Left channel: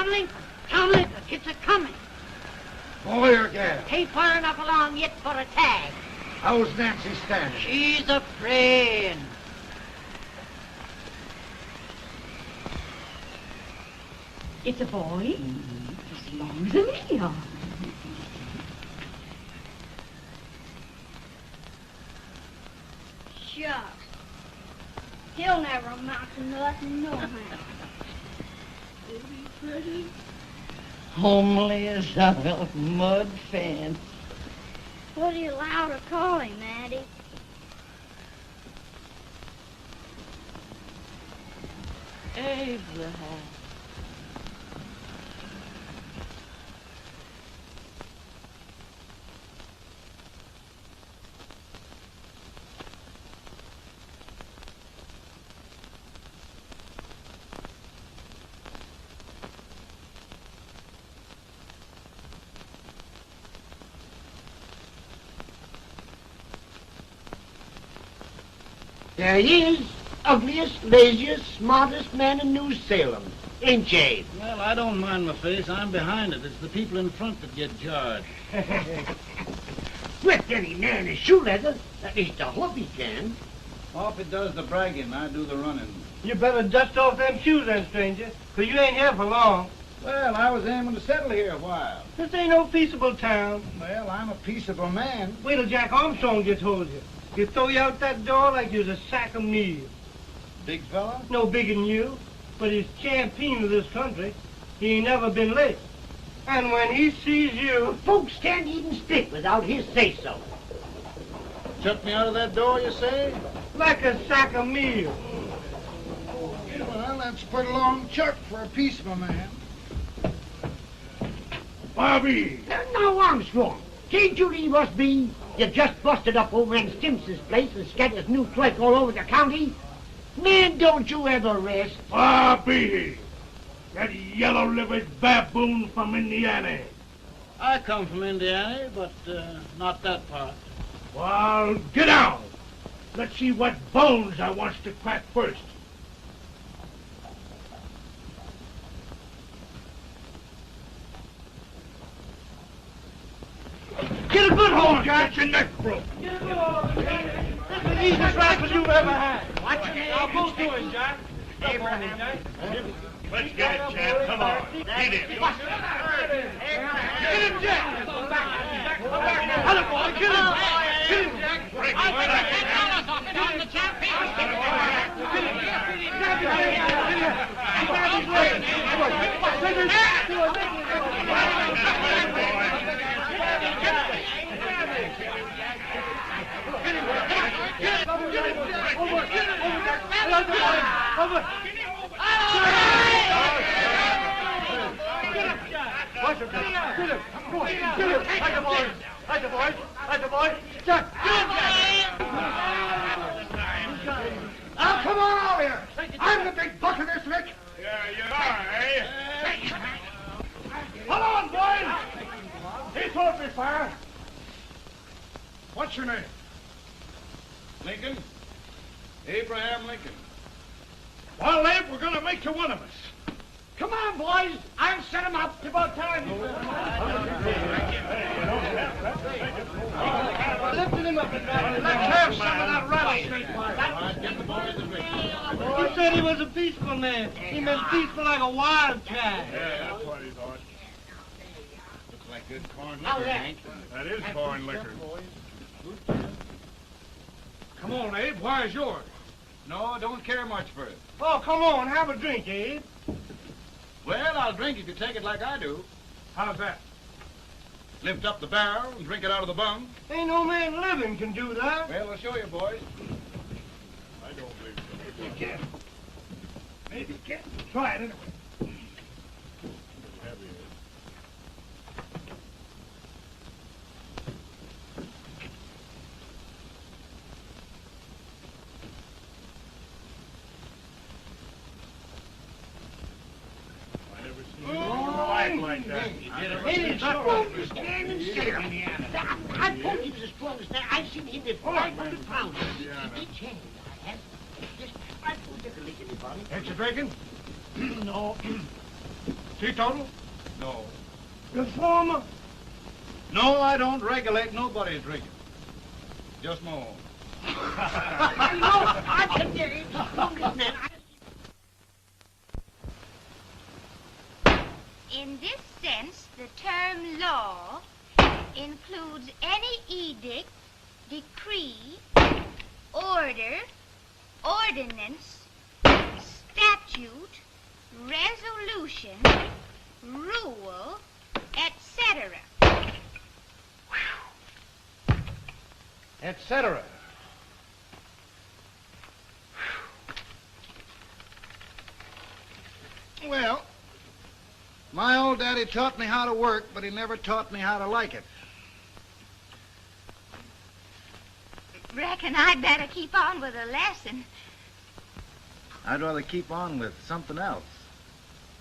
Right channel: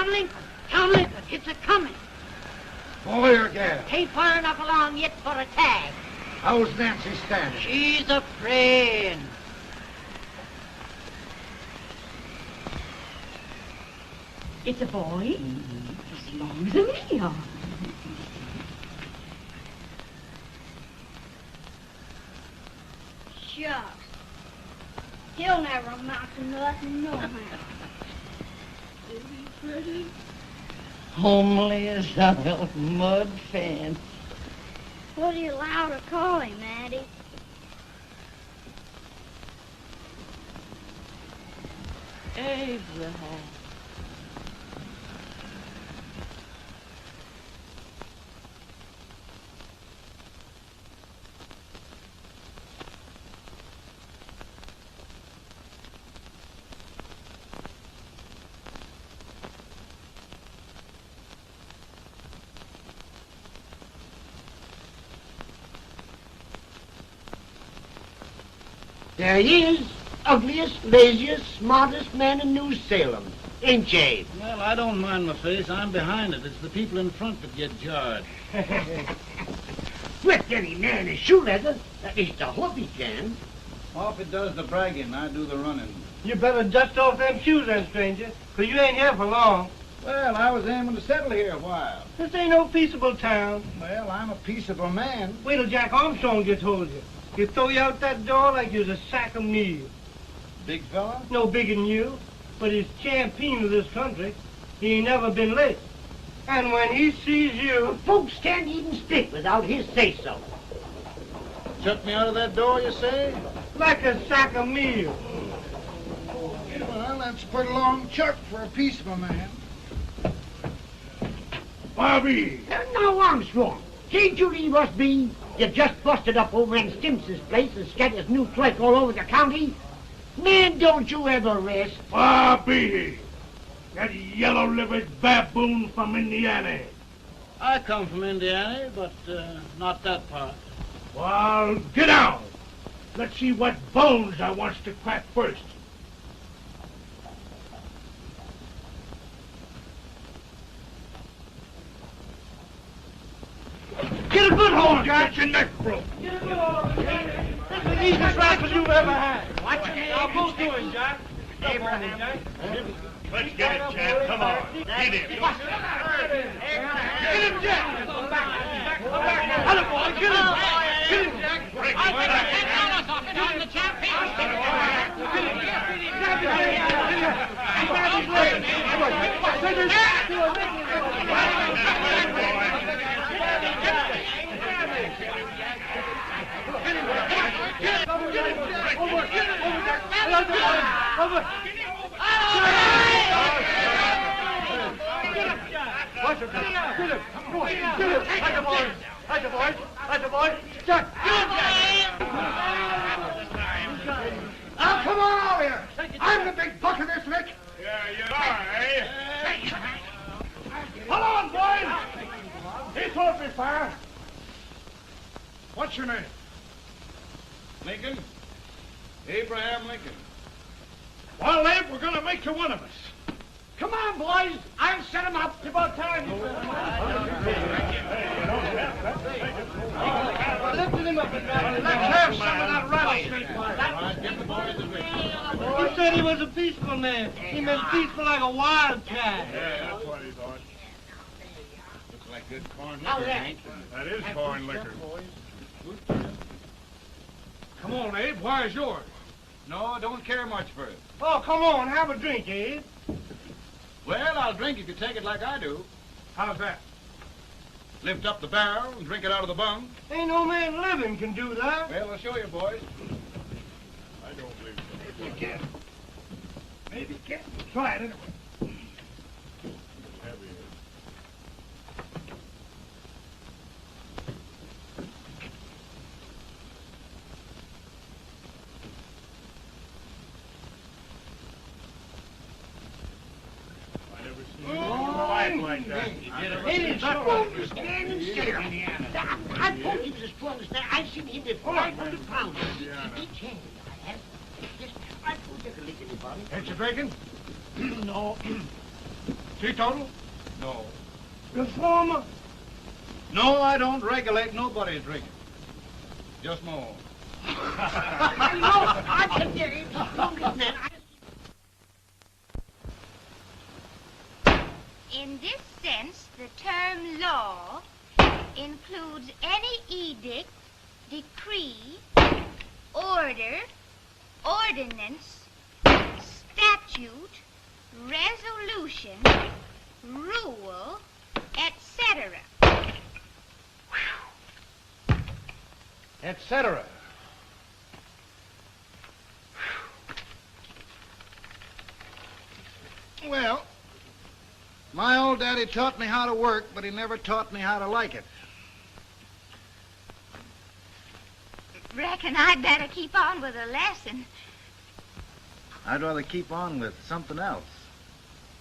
Conley, Conley, it's a-coming. Boy or gal? Ain't far enough along yet for a tag. How's Nancy standing? She's afraid. It's a boy. As long as a me are. Shucks. He'll never amount to nothing, no how. Homely as a little mud fan. What do you allow to call him, Addie? Abraham. There he is, ugliest, laziest, smartest man in New Salem, ain't ye? Well, I don't mind my face. I'm behind it. It's the people in front that get jarred. With any man is shoe leather, that is the hope he can. Well, if it does the bragging, I do the running. You better dust off them shoes then, stranger, 'cause you ain't here for long. Well, I was aiming to settle here a while. This ain't no peaceable town. Well, I'm a peaceable man. Wait till Jack Armstrong gets hold of you. He'll throw you out that door like you're a sack of meal. Big fella? No bigger than you, but he's champion of this country. He ain't never been late. And when he sees you... Folks can't even speak without his say-so. Took me out of that door, you say? Like a sack of meal. Well, that's quite a long chart for a peaceable man. Bobby! Now, Armstrong, can't you leave us be? You just busted up old man Stimpson's place and scattered new clerk all over the county. Man, don't you ever rest. Bobby! That yellow-livered baboon from Indiana. I come from Indiana, but not that part. Well, get out. Let's see what bones I wants to crack first. Get a good hold, Jack. Get your neck broke. Get a good hold. That's the easiest rifle you ever had. Watch it. Now, go to it, Jack. Step on it, Jack. Let's get it, champ. Come on. Get it. Get him, Jack. Hello, boy. Kill him. Kill him, Jack. Break it, Now, come on over here. I'm the big buck of this lick. Yeah, you are, eh? Come on, boys. He's off me, sir. What's your name? Lincoln? Abraham Lincoln. Well, Abe, we're going to make you one of us. Come on, boys. I'll set him up. It's about time. Lifting him up, Jack. Let's have some of that rattlesnake. You said he was a peaceful man. He was peaceful like a wild cat. Yeah, that's what he thought. Looks like good corn liquor, Hank. That is corn liquor. Come on, Abe. Where's yours? No, don't care much for it. Oh, come on. Have a drink, Abe. Well, I'll drink if you take it like I do. How's that? Lift up the barrel and drink it out of the bung. Ain't no man living can do that. Well, I'll show you, boys. I don't believe so. You can. Maybe you can. Try it anyway. Like that. Hey, it's a standing still. I told you this was that. I've seen him before. 500 pounds. Big change. I told you to make anybody. Ain't you drinking? No. Teetotal? No. Reformer? No, I don't regulate nobody's drinking. Just my own. I can get it. In this sense, the term law includes any edict, decree, order, ordinance, statute, resolution, rule, etc. Etc. Well, my old daddy taught me how to work, but he never taught me how to like it. Reckon I'd better keep on with the lesson. I'd rather keep on with something else.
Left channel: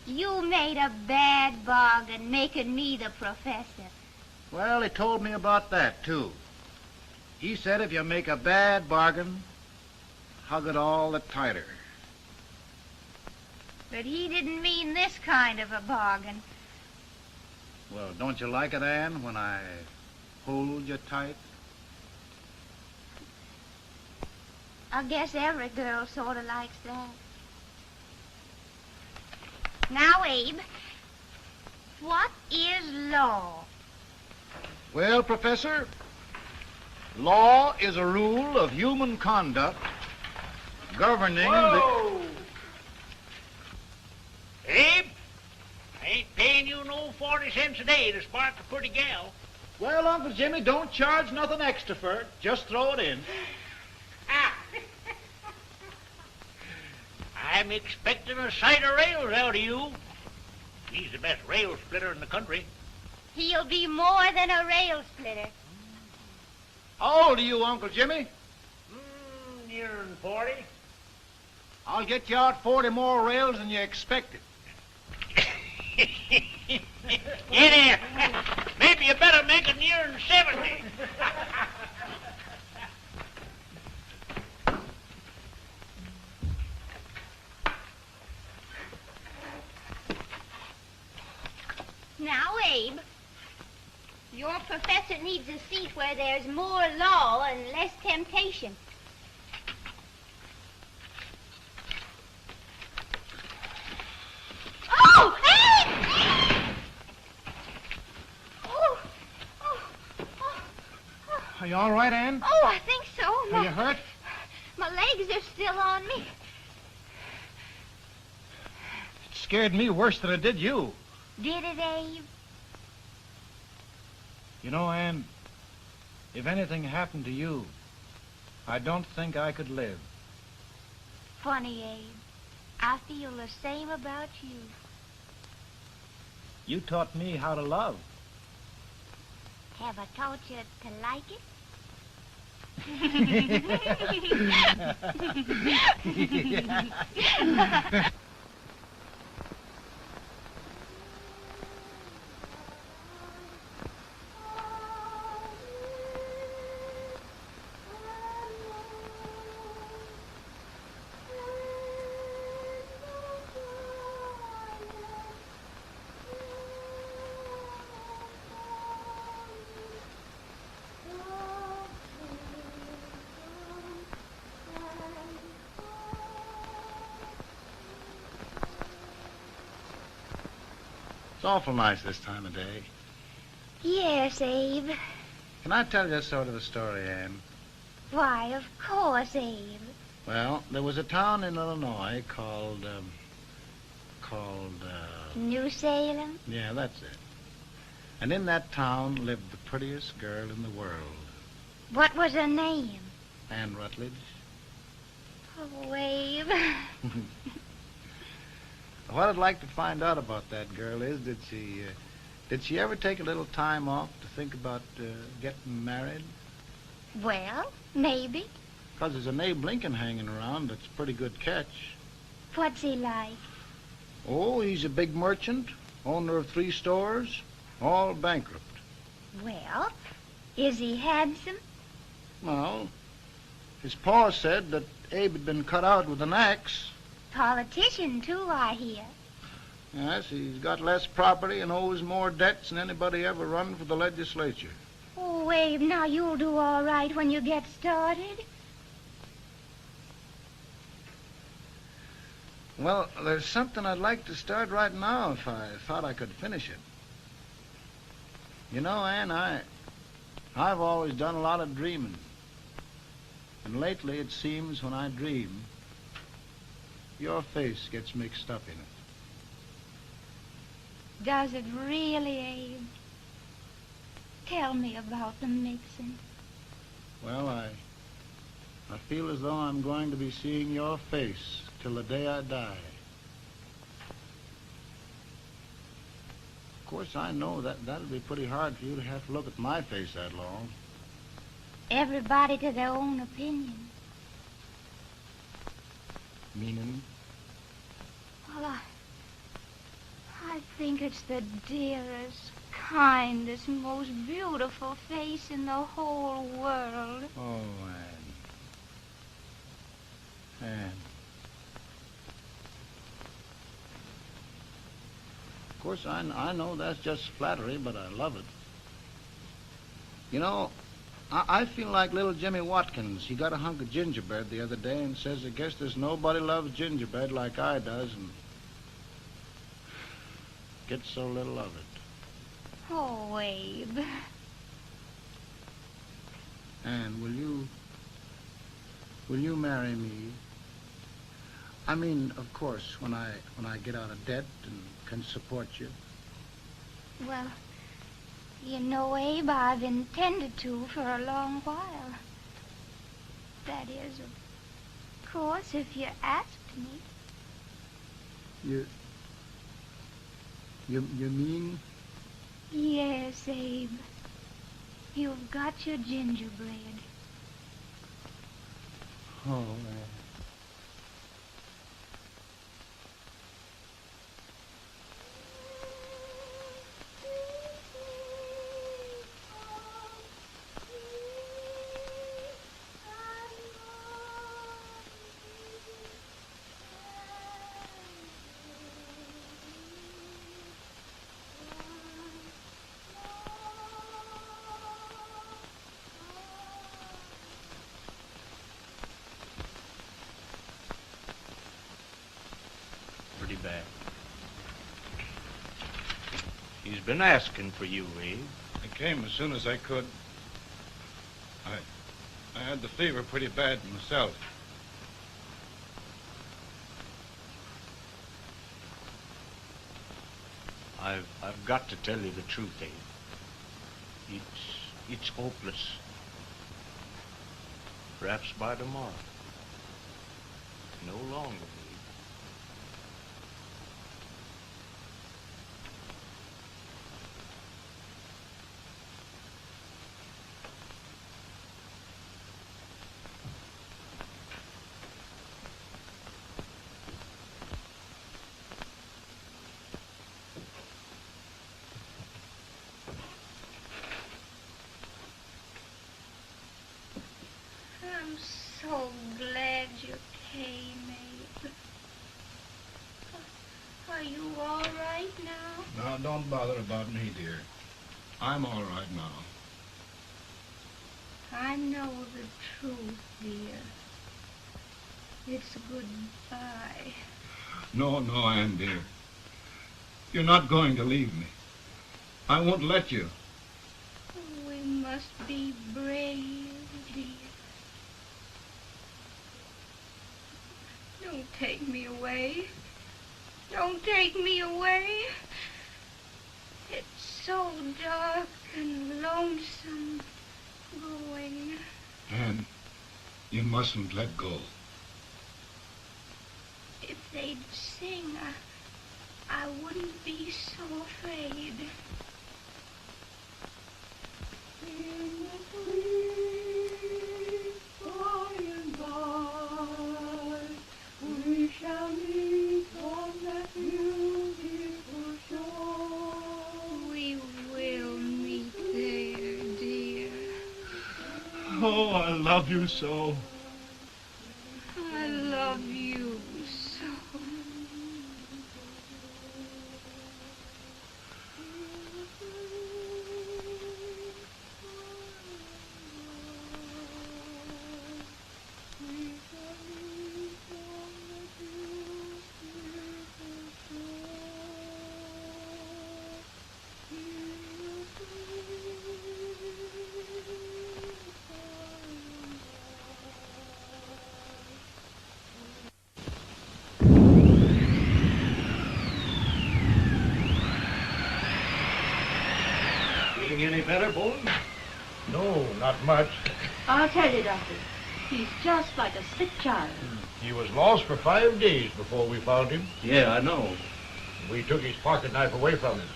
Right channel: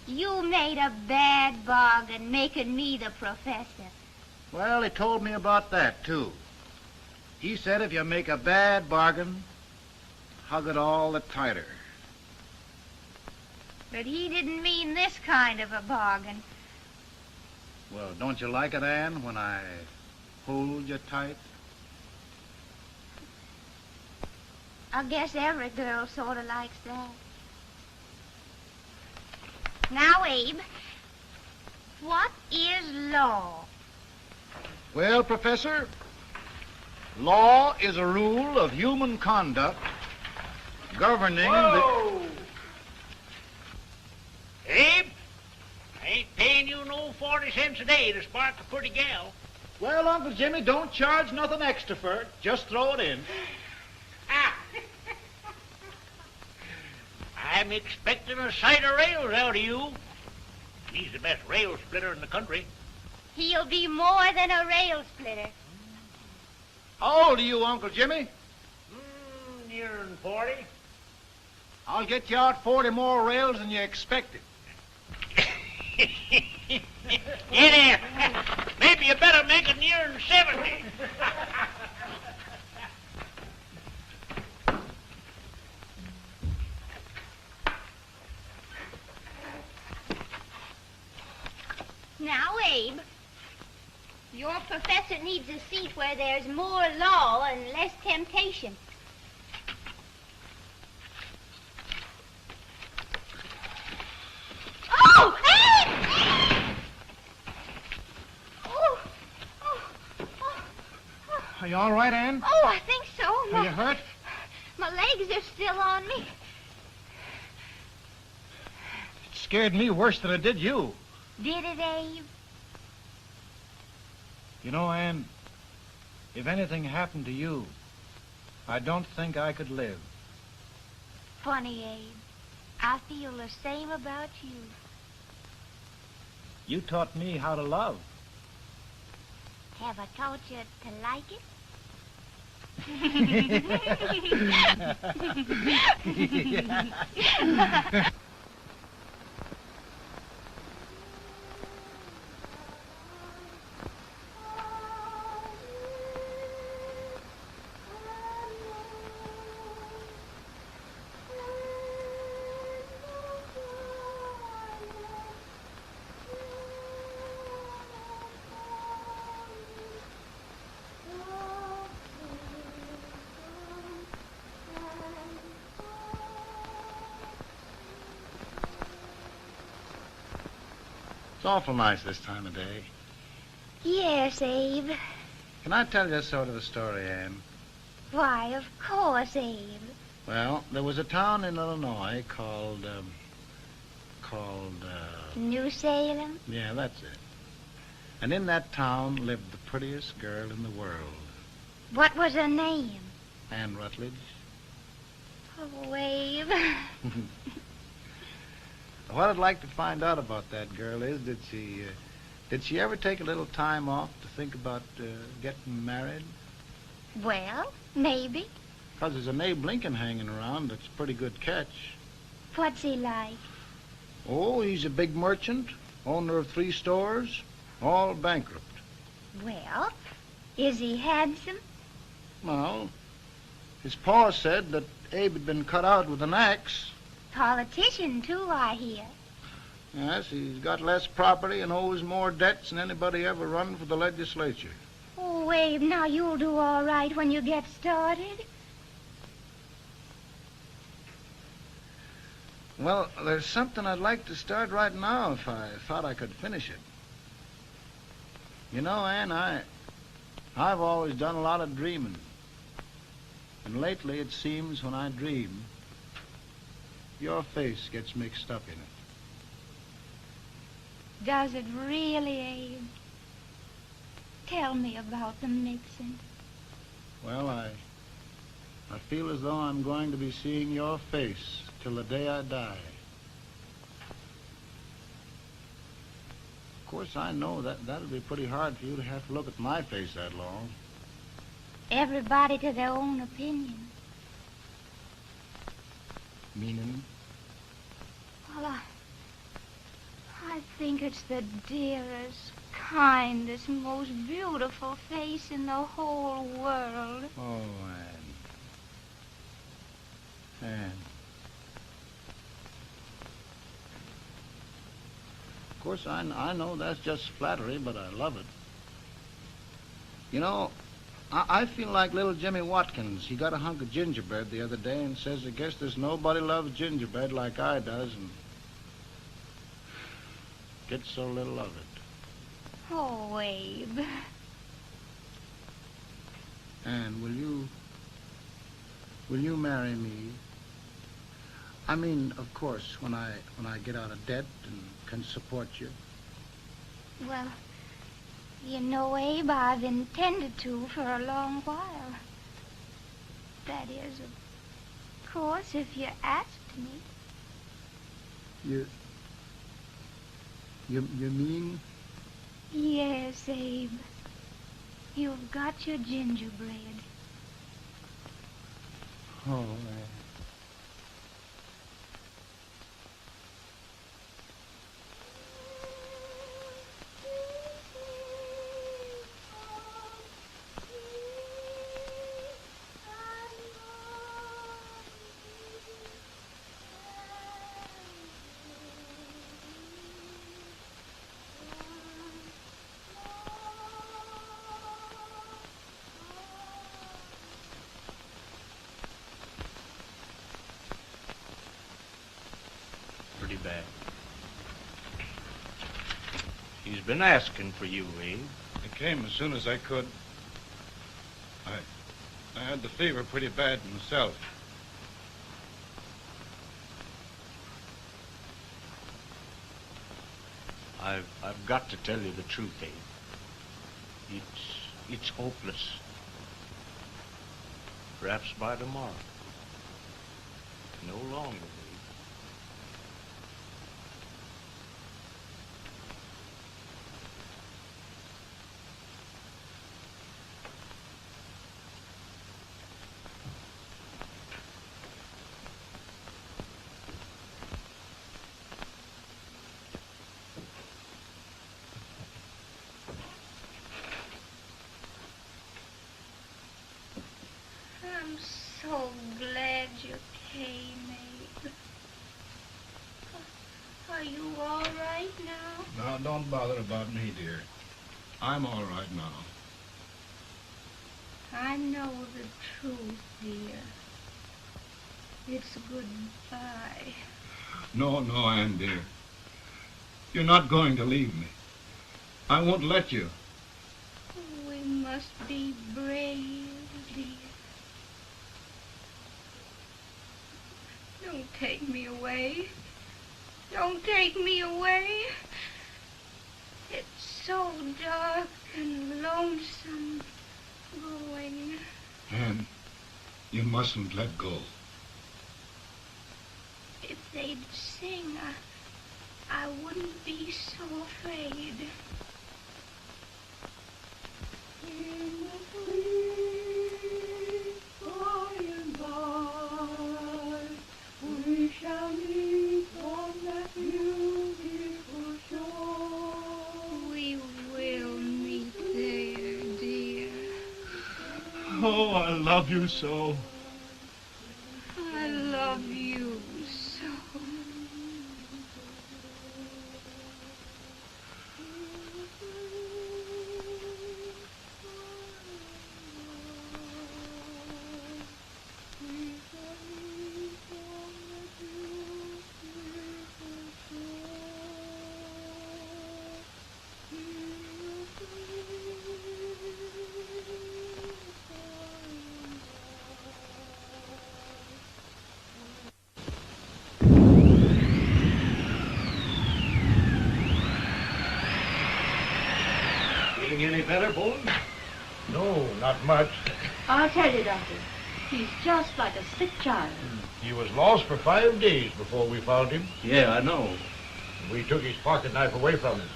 You made a bad bargain making me the professor. Well, he told me about that, too. He said if you make a bad bargain, hug it all the tighter. But he didn't mean this kind of a bargain. Well, don't you like it, Anne, when I hold you tight? I guess every girl sort of likes that. Now, Abe, what is law? Well, Professor, law is a rule of human conduct governing Whoa! Abe, I ain't paying you no 40 cents a day to spark a pretty gal. Well, Uncle Jimmy, don't charge nothing extra for it. Just throw it in. Ah. I'm expecting a sight of rails out of you. He's the best rail splitter in the country. He'll be more than a rail splitter. How old are you, Uncle Jimmy? Nearing 40. I'll get you out 40 more rails than you expected. Get in. Maybe you better make it nearing 70. Now, Abe, your professor needs a seat where there's more law and less temptation. Oh, Abe! Are you all right, Anne? Oh, I think so. Are you hurt? My legs are still on me. It scared me worse than it did you. Did it, Abe? You know, Anne, if anything happened to you, I don't think I could live. Funny, Abe. I feel the same about you. You taught me how to love. Have I taught you to like it? It's awful nice this time of day. Yes, Abe. Can I tell you sort of a story, Anne? Why, of course, Abe. Well, there was a town in Illinois called, New Salem? yeah, that's it. And in that town lived the prettiest girl in the world, What was her name? Anne Rutledge. Oh, Abe. What I'd like to find out about that girl is, did she ever take a little time off to think about getting married? Well, maybe. Because there's an Abe Lincoln hanging around that's a pretty good catch. What's he like? Oh, he's a big merchant, owner of 3 stores, all bankrupt. Well, is he handsome? Well, his pa said that Abe had been cut out with an axe. Politician, too, I hear. Yes, he's got less property and owes more debts than anybody ever run for the legislature. Oh, Abe, now you'll do all right when you get started. Well, there's something I'd like to start right now if I thought I could finish it. You know, Ann, I've always done a lot of dreaming. And lately it seems when I dream, your face gets mixed up in it. Does it really, Abe? Tell me about the mixing. Well, I feel as though I'm going to be seeing your face till the day I die. Of course, I know that'll be pretty hard for you to have to look at my face that long. Everybody to their own opinion. Meaning? Well, I think it's the dearest, kindest, most beautiful face in the whole world. Oh, Ann. Ann. Of course, I know that's just flattery, but I love it. You know, I feel like little Jimmy Watkins. He got a hunk of gingerbread the other day and says, I guess there's nobody loves gingerbread like I does, and gets so little of it. Oh, Abe. And will you marry me? I mean, of course, when I get out of debt and can support you. Well, you know, Abe, I've intended to for a long while. That is, of course, if you asked me. You mean? Yes, Abe. You've got your gingerbread. Oh, Bad. He's been asking for you, Abe. I came as soon as I could. I had the fever pretty bad myself. I've got to tell you the truth, Abe. It's hopeless. Perhaps by tomorrow. No longer. I'm so glad you came, Abe. Are you all right now? No, don't bother about me, dear. I'm all right now. I know the truth, dear. It's goodbye. No, Ann, dear. You're not going to leave me. I won't let you. We must be brave, dear. Don't take me away. Don't take me away. It's so dark and lonesome going. Ann, you mustn't let go. If they'd sing, I wouldn't be so afraid. Oh, I love you so. I love you so. much. I'll tell you, Doctor, he's just like a sick child. He was lost for 5 days before we found him. Yeah, I know. We took his pocket knife away from him.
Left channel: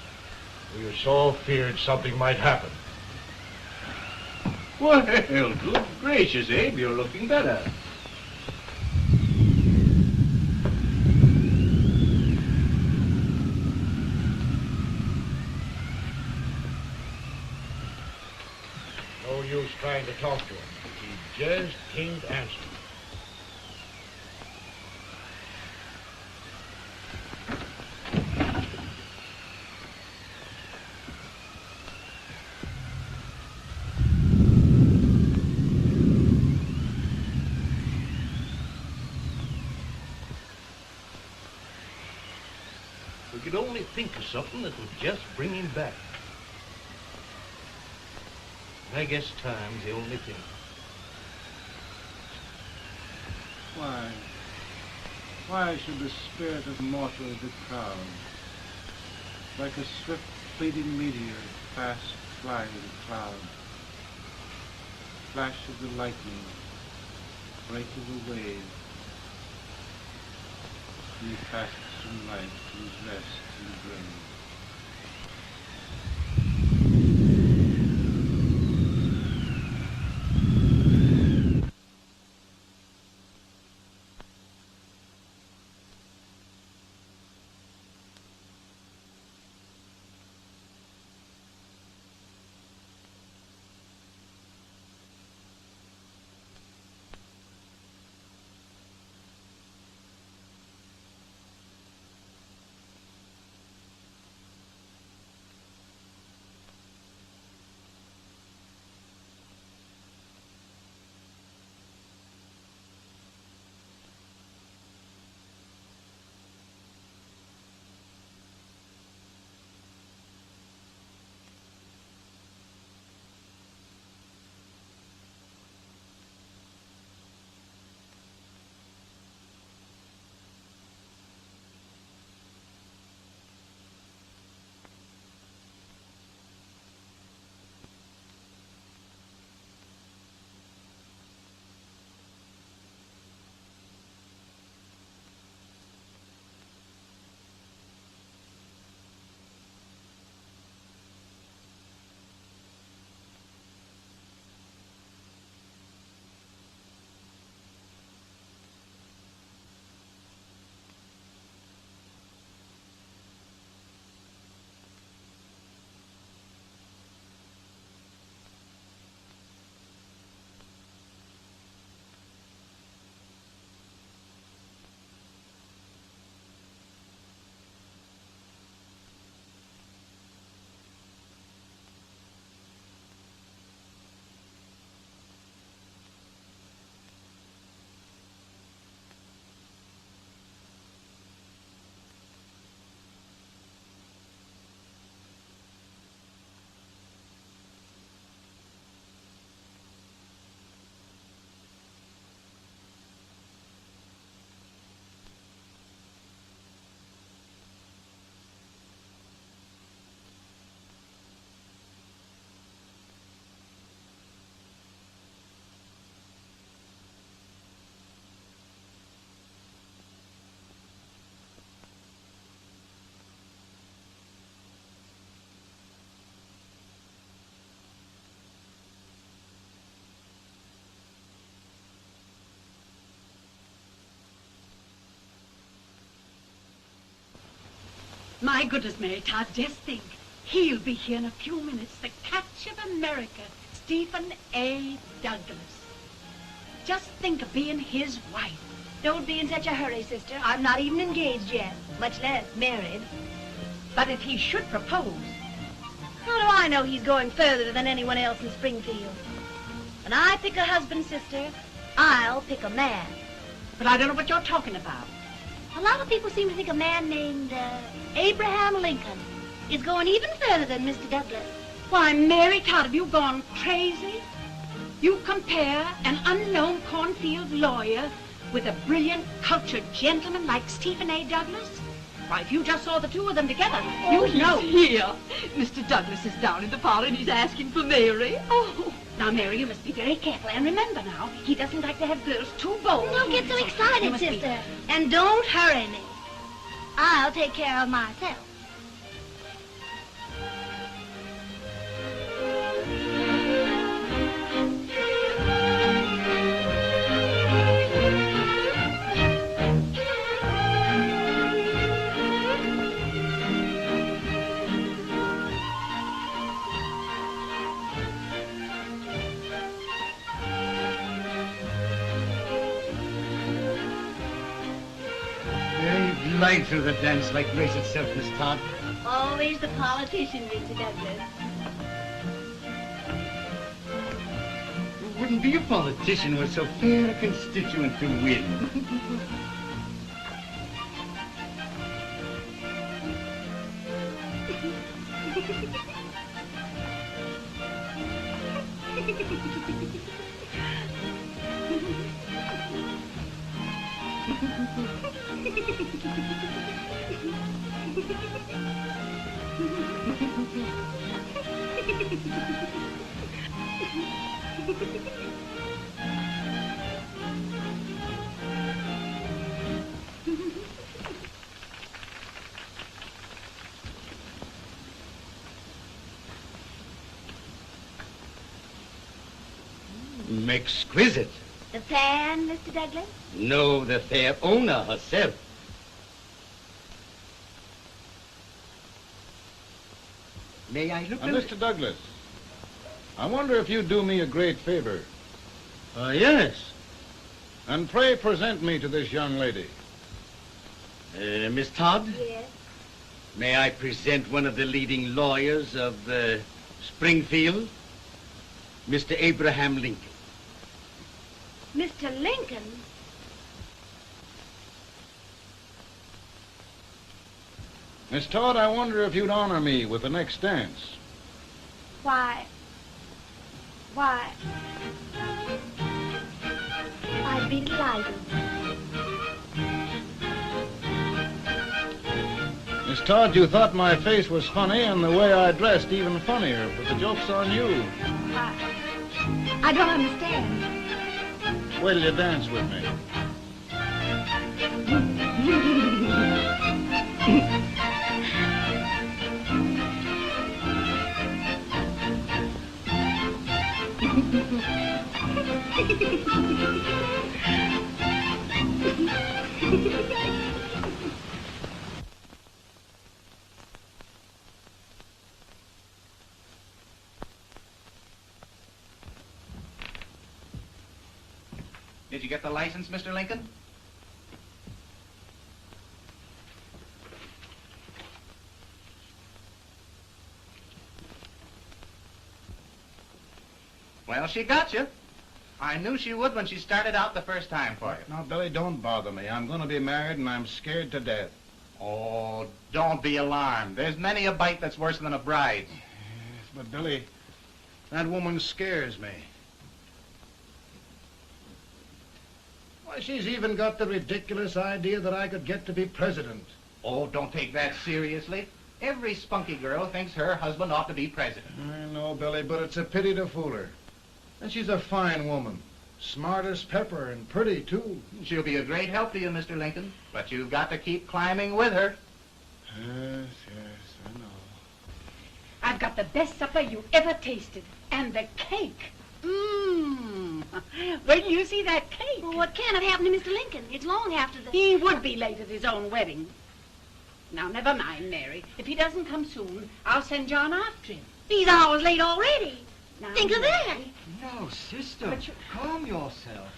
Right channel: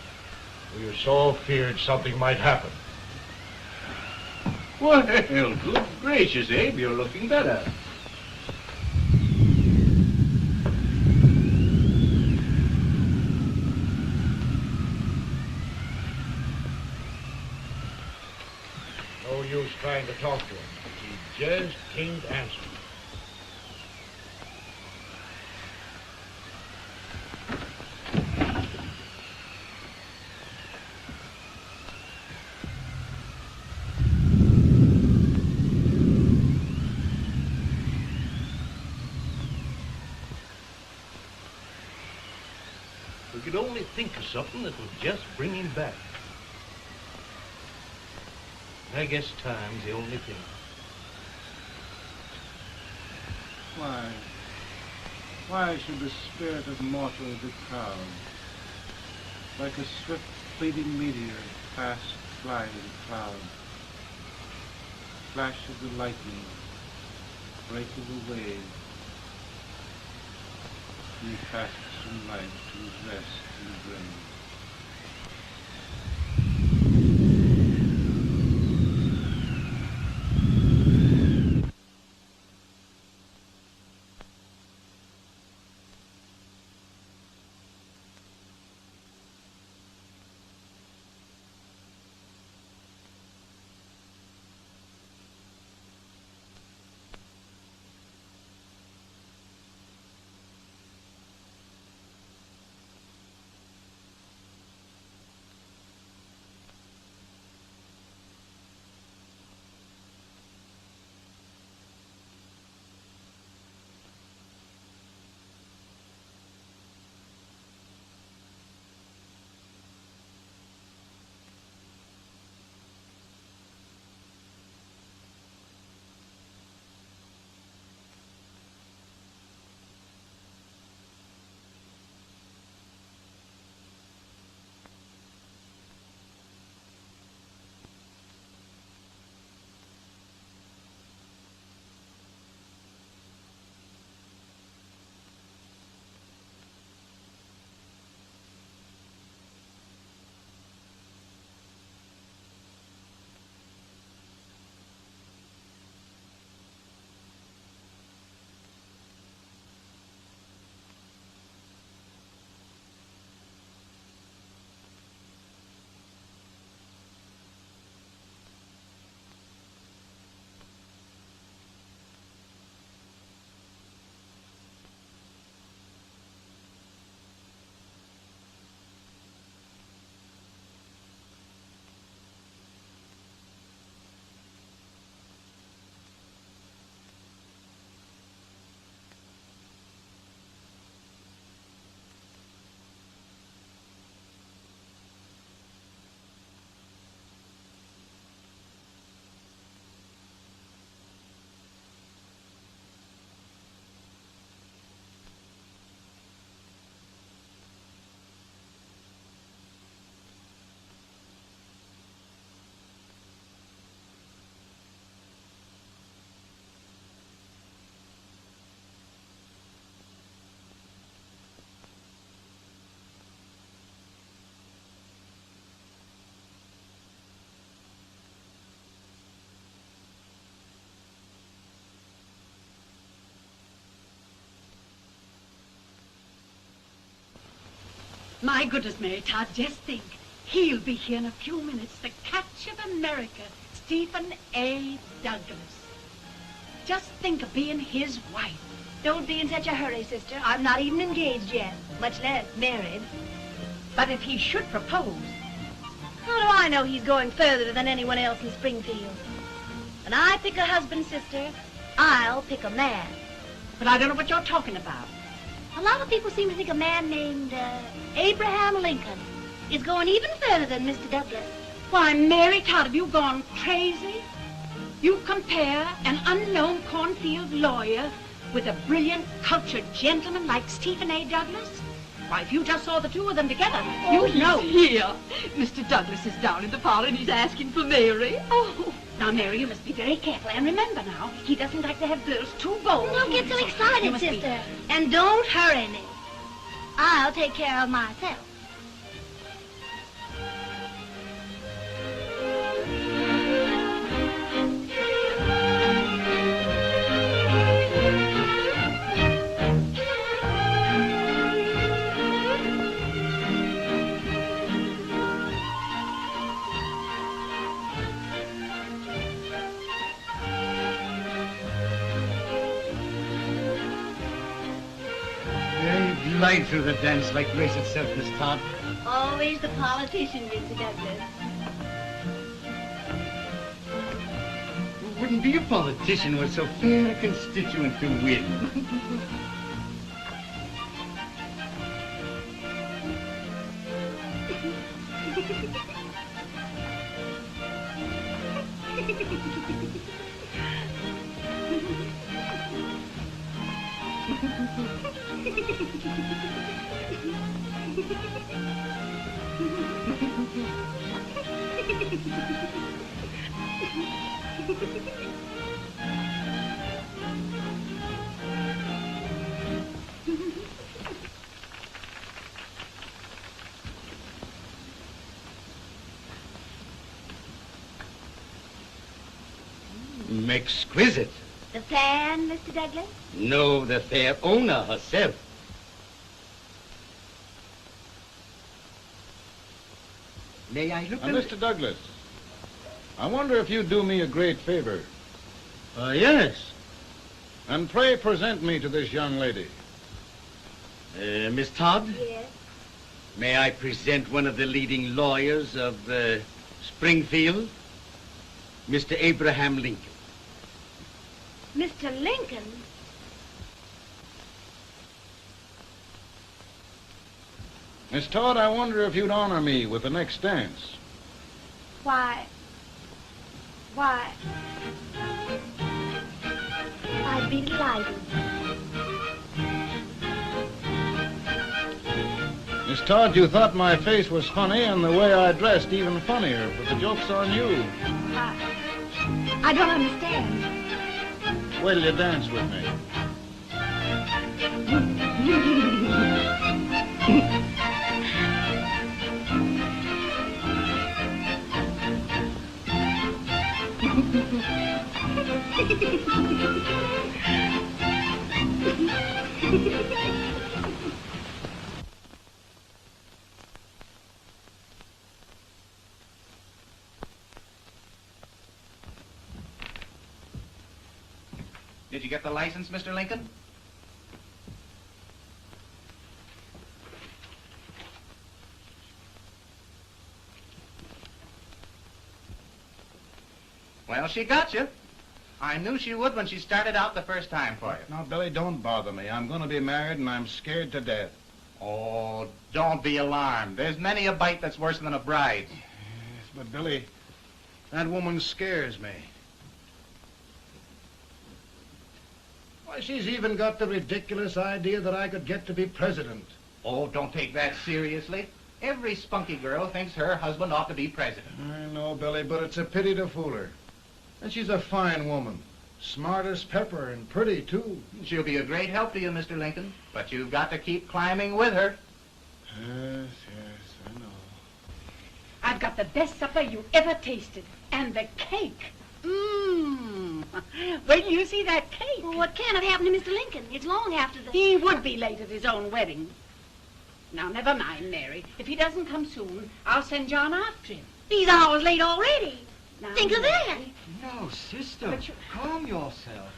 We were so feared something might happen. Well, good gracious, Abe, you're looking better. No use trying to talk to him. He just can't answer. We could only think of something that would just bring him back. I guess time's the only thing. Why should the spirit of mortal be proud? Like a swift fleeting meteor, fast flying cloud. Flash of the lightning, break of the wave. He fasts from life to his rest in the grave. My goodness, Mary Todd, just think. He'll be here in a few minutes. The catch of America, Stephen A. Douglas. Just think of being his wife. Don't be in such a hurry, sister. I'm not even engaged yet, much less married. But if he should propose... How do I know he's going further than anyone else in Springfield? When I pick a husband, sister, I'll pick a man. But I don't know what you're talking about. A lot of people seem to think a man named Abraham Lincoln is going even further than Mr. Douglas. Why, Mary Todd, have you gone crazy? You compare an unknown cornfield lawyer with a brilliant, cultured gentleman like Stephen A. Douglas? Why, if you just saw the two of them together, Oh, you'd know. here. Mr. Douglas is down in the parlor and he's asking for Mary. Oh. Now, Mary, you must be very careful. And remember now, he doesn't like to have girls too bold. Don't get so You excited, must be- sister. And don't hurry me. I'll take care of myself. They glide through the dance like grace itself, Miss Todd. Always the politician, Mr. Douglas. It wouldn't be a politician with so fair a constituent to win. Exquisite. The fan, Mr. Douglas? No, the fair owner herself. May I look at Mr. Douglas, I wonder if you'd do me a great favor. Yes. And pray present me to this young lady. Miss Todd? Yes. May I present one of the leading lawyers of Springfield, Mr. Abraham Lincoln. Mr. Lincoln? Miss Todd, I wonder if you'd honor me with the next dance. Why? I'd be delighted. Miss Todd, you thought my face was funny and the way I dressed even funnier, but the joke's on you. I don't understand. Wait till you dance with me. Did you get the license, Mr. Lincoln? Well, she got you. I knew she would when she started out the first time for you. Now, Billy, don't bother me. I'm going to be married and I'm scared to death. Oh, don't be alarmed. There's many a bite that's worse than a bride. Yes, but Billy, that woman scares me. Why, she's even got the ridiculous idea that I could get to be president. Oh, don't take that seriously. Every spunky girl thinks her husband ought to be president. I know, Billy, but it's a pity to fool her. And she's a fine woman. Smart as pepper and pretty, too. She'll be a great help to you, Mr. Lincoln. But you've got to keep climbing with her. Yes, I know. I've got the best supper you ever tasted. And the cake. Mmm. Wait till you see that cake. Well, what can have happened to Mr. Lincoln? It's long after the... He would be late at his own wedding. Now, never mind, Mary. If he doesn't come soon, I'll send John after him. He's hours late already. Now, Think of that. No, sister. But you- Calm yourself.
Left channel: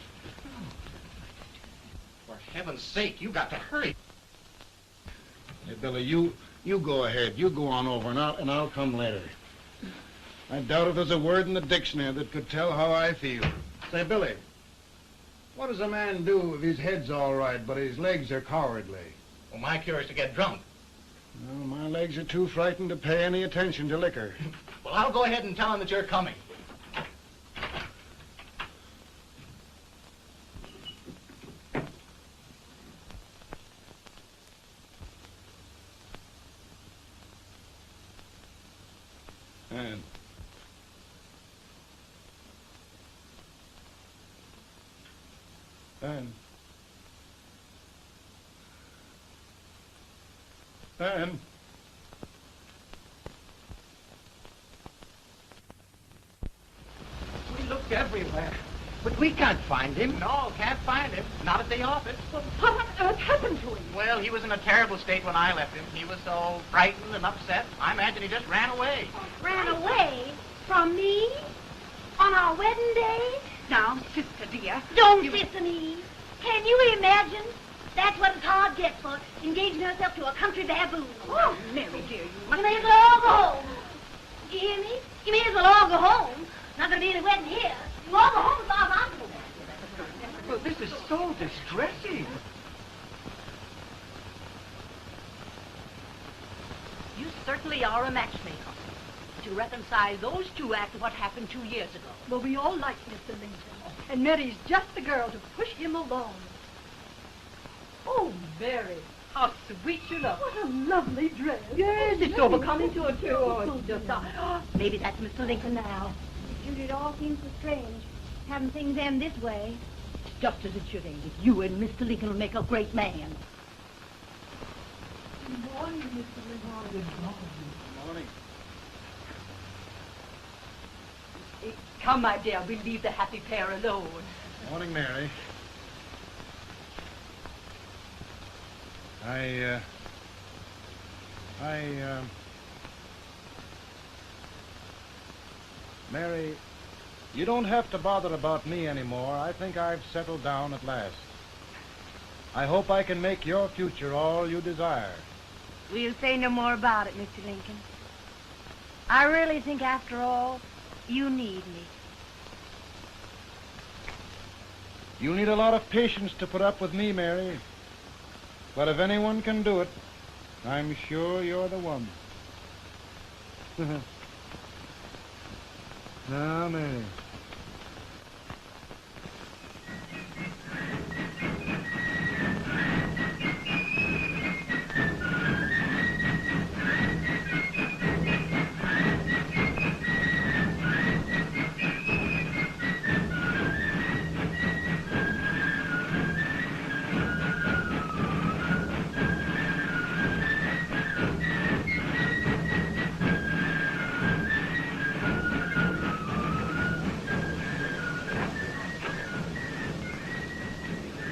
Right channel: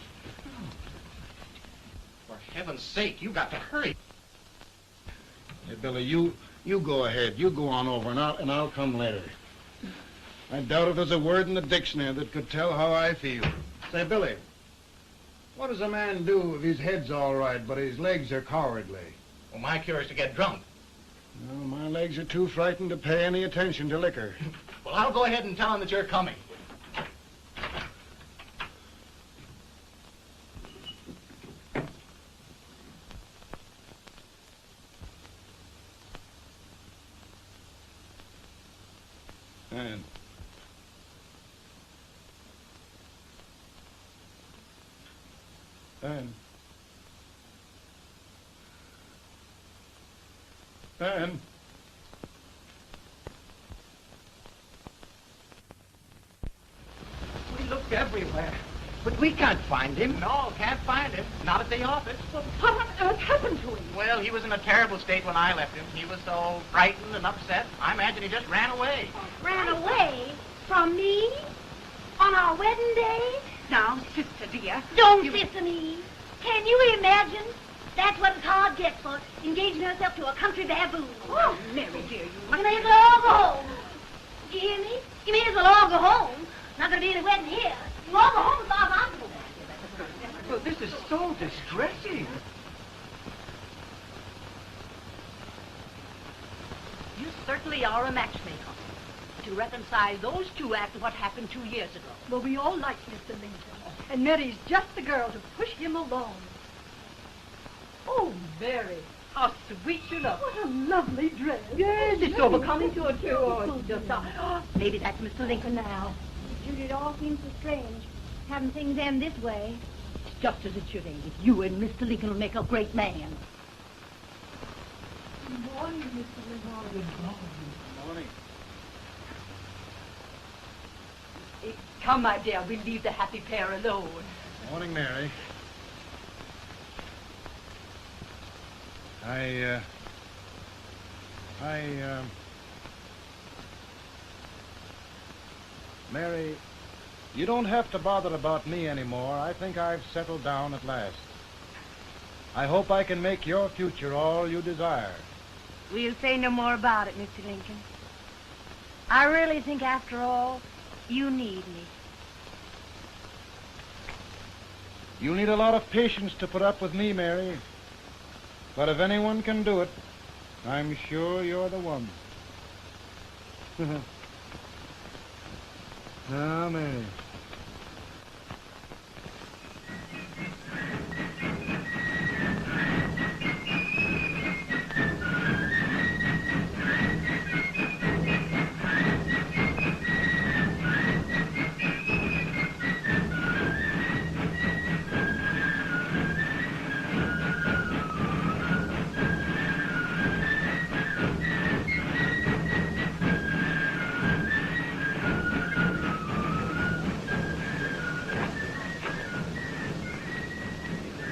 For heaven's sake, you got to hurry. Hey, Billy, you go ahead. You go on over, and I'll come later. I doubt if there's a word in the dictionary that could tell how I feel. Say, Billy, what does a man do if his head's all right, but his legs are cowardly? Well, my cure is to get drunk. Well, my legs are too frightened to pay any attention to liquor. Well, I'll go ahead and tell him that you're coming. Ben. Ben. We looked everywhere, but we can't find him. No, can't find him. Not at the office. What on earth happened to him? Well, he was in a terrible state when I left him. He was so frightened and upset. I imagine he just ran away. Ran away from me on our wedding day? Now, sister dear. Don't listen to me. Can you imagine? That's what it's hard gets for engaging herself to a country baboon. Oh, Mary, dear, you... You may as well go home. You hear me? You may as well go home. Not gonna be any wedding here. You all go home as far as I'm concerned. Well, this is so distressing. You certainly are a matchmaker. To reconcile those two after what happened 2 years ago. Well, we all like Mr. Lincoln. And Mary's just the girl to push him along. Oh, Mary, how sweet you look. What a lovely dress. Yes, it's so becoming to her, too. Oh, it's just... maybe that's Mr. Lincoln now. It all seems so strange, having things end this way. It's just as it should end. You and Mr. Lincoln will make a great man. Good morning, Mr. Lincoln. Good morning. Come, my dear, we'll leave the happy pair alone. Morning, Mary. Mary, you don't have to bother about me anymore. I think I've settled down at last. I hope I can make your future all you desire. We'll say no more about it, Mr. Lincoln. I really think, after all, you need me. You need a lot of patience to put up with me, Mary. But if anyone can do it, I'm sure you're the one. No, no.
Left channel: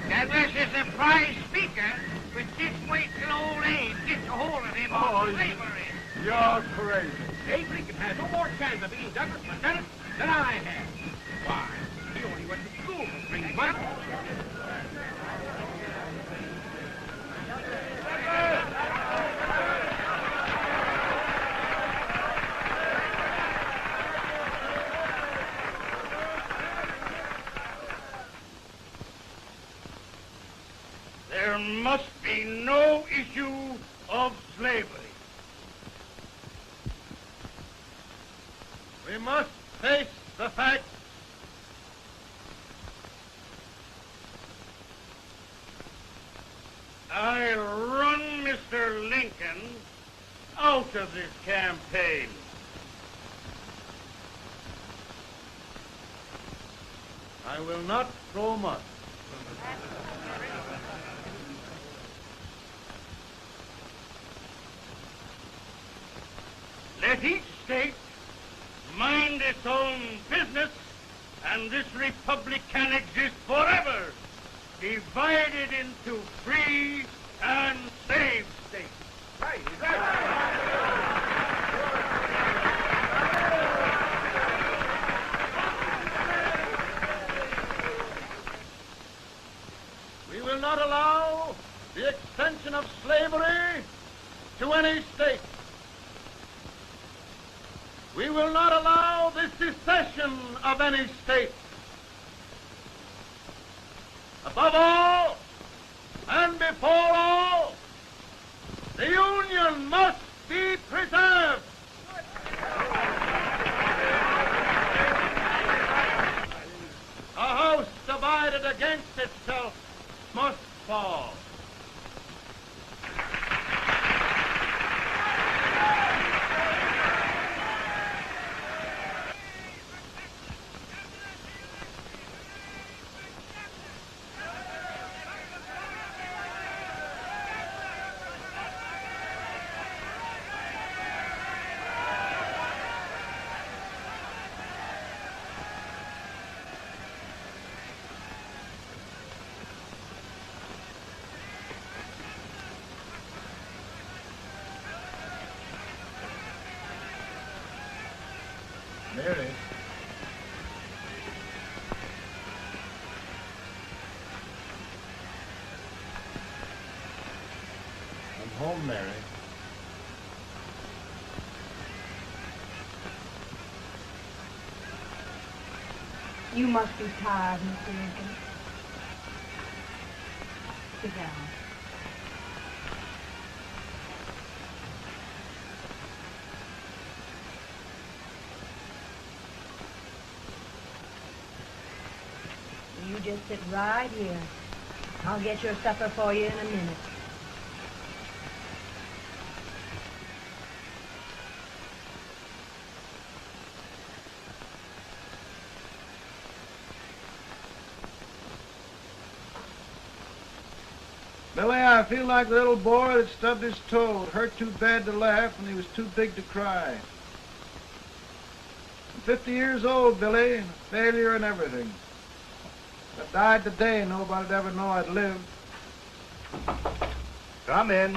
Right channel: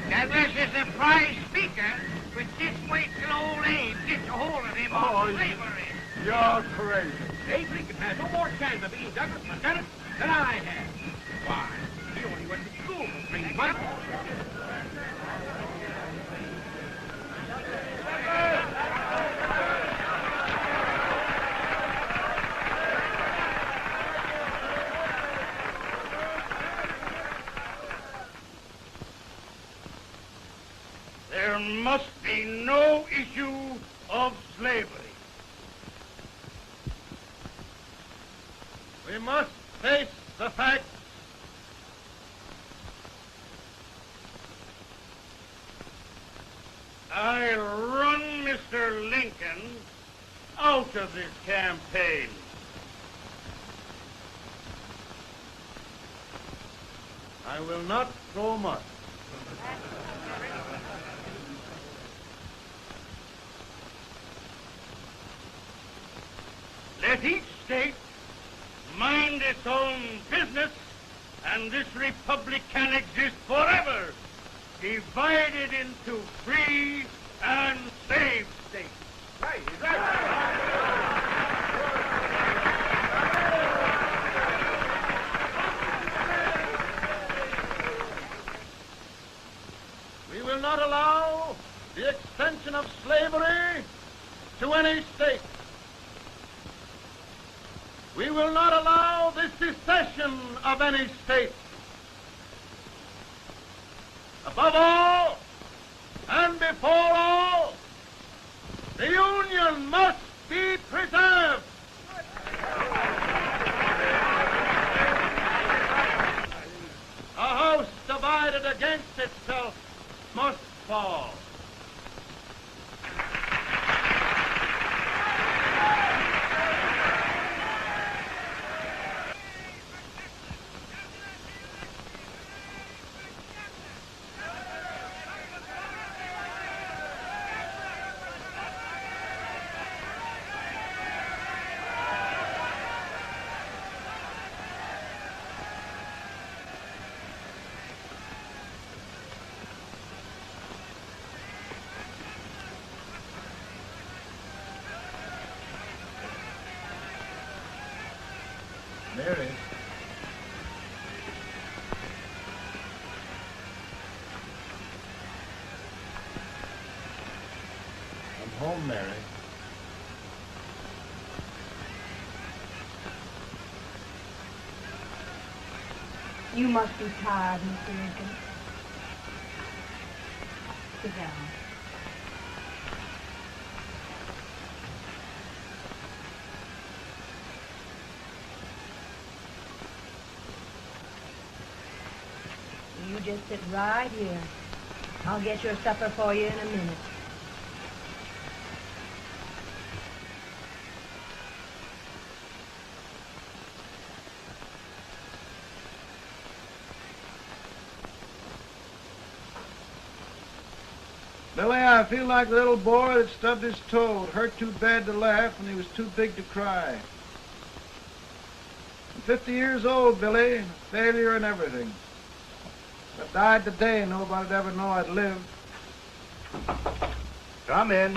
That was a surprise speaker with this weight and old age gets a hold of him on slavery. You're crazy. Abe Lincoln had no more chance of being Douglas Lieutenant than I had. Why, he only went to school for 3 months. There must be no issue of slavery. We must face the fact I run Mr. Lincoln out of this campaign. I will not throw mud. Let each state mind its own business, and this republic can exist forever, divided into free and slave states. Right. We will not allow the extension of slavery to any state. We will not allow the secession of any state. Above all, and before all, the Union must be preserved. A house divided against itself must fall. must be tired, Mr. Lincoln. Sit down. You just sit right here. I'll get your supper for you in a minute. Billy, I feel like the little boy that stubbed his toe. It hurt too bad to laugh and he was too big to cry. I'm 50 years old, Billy. Failure and everything. If I died today, nobody'd ever know I'd lived. Come in.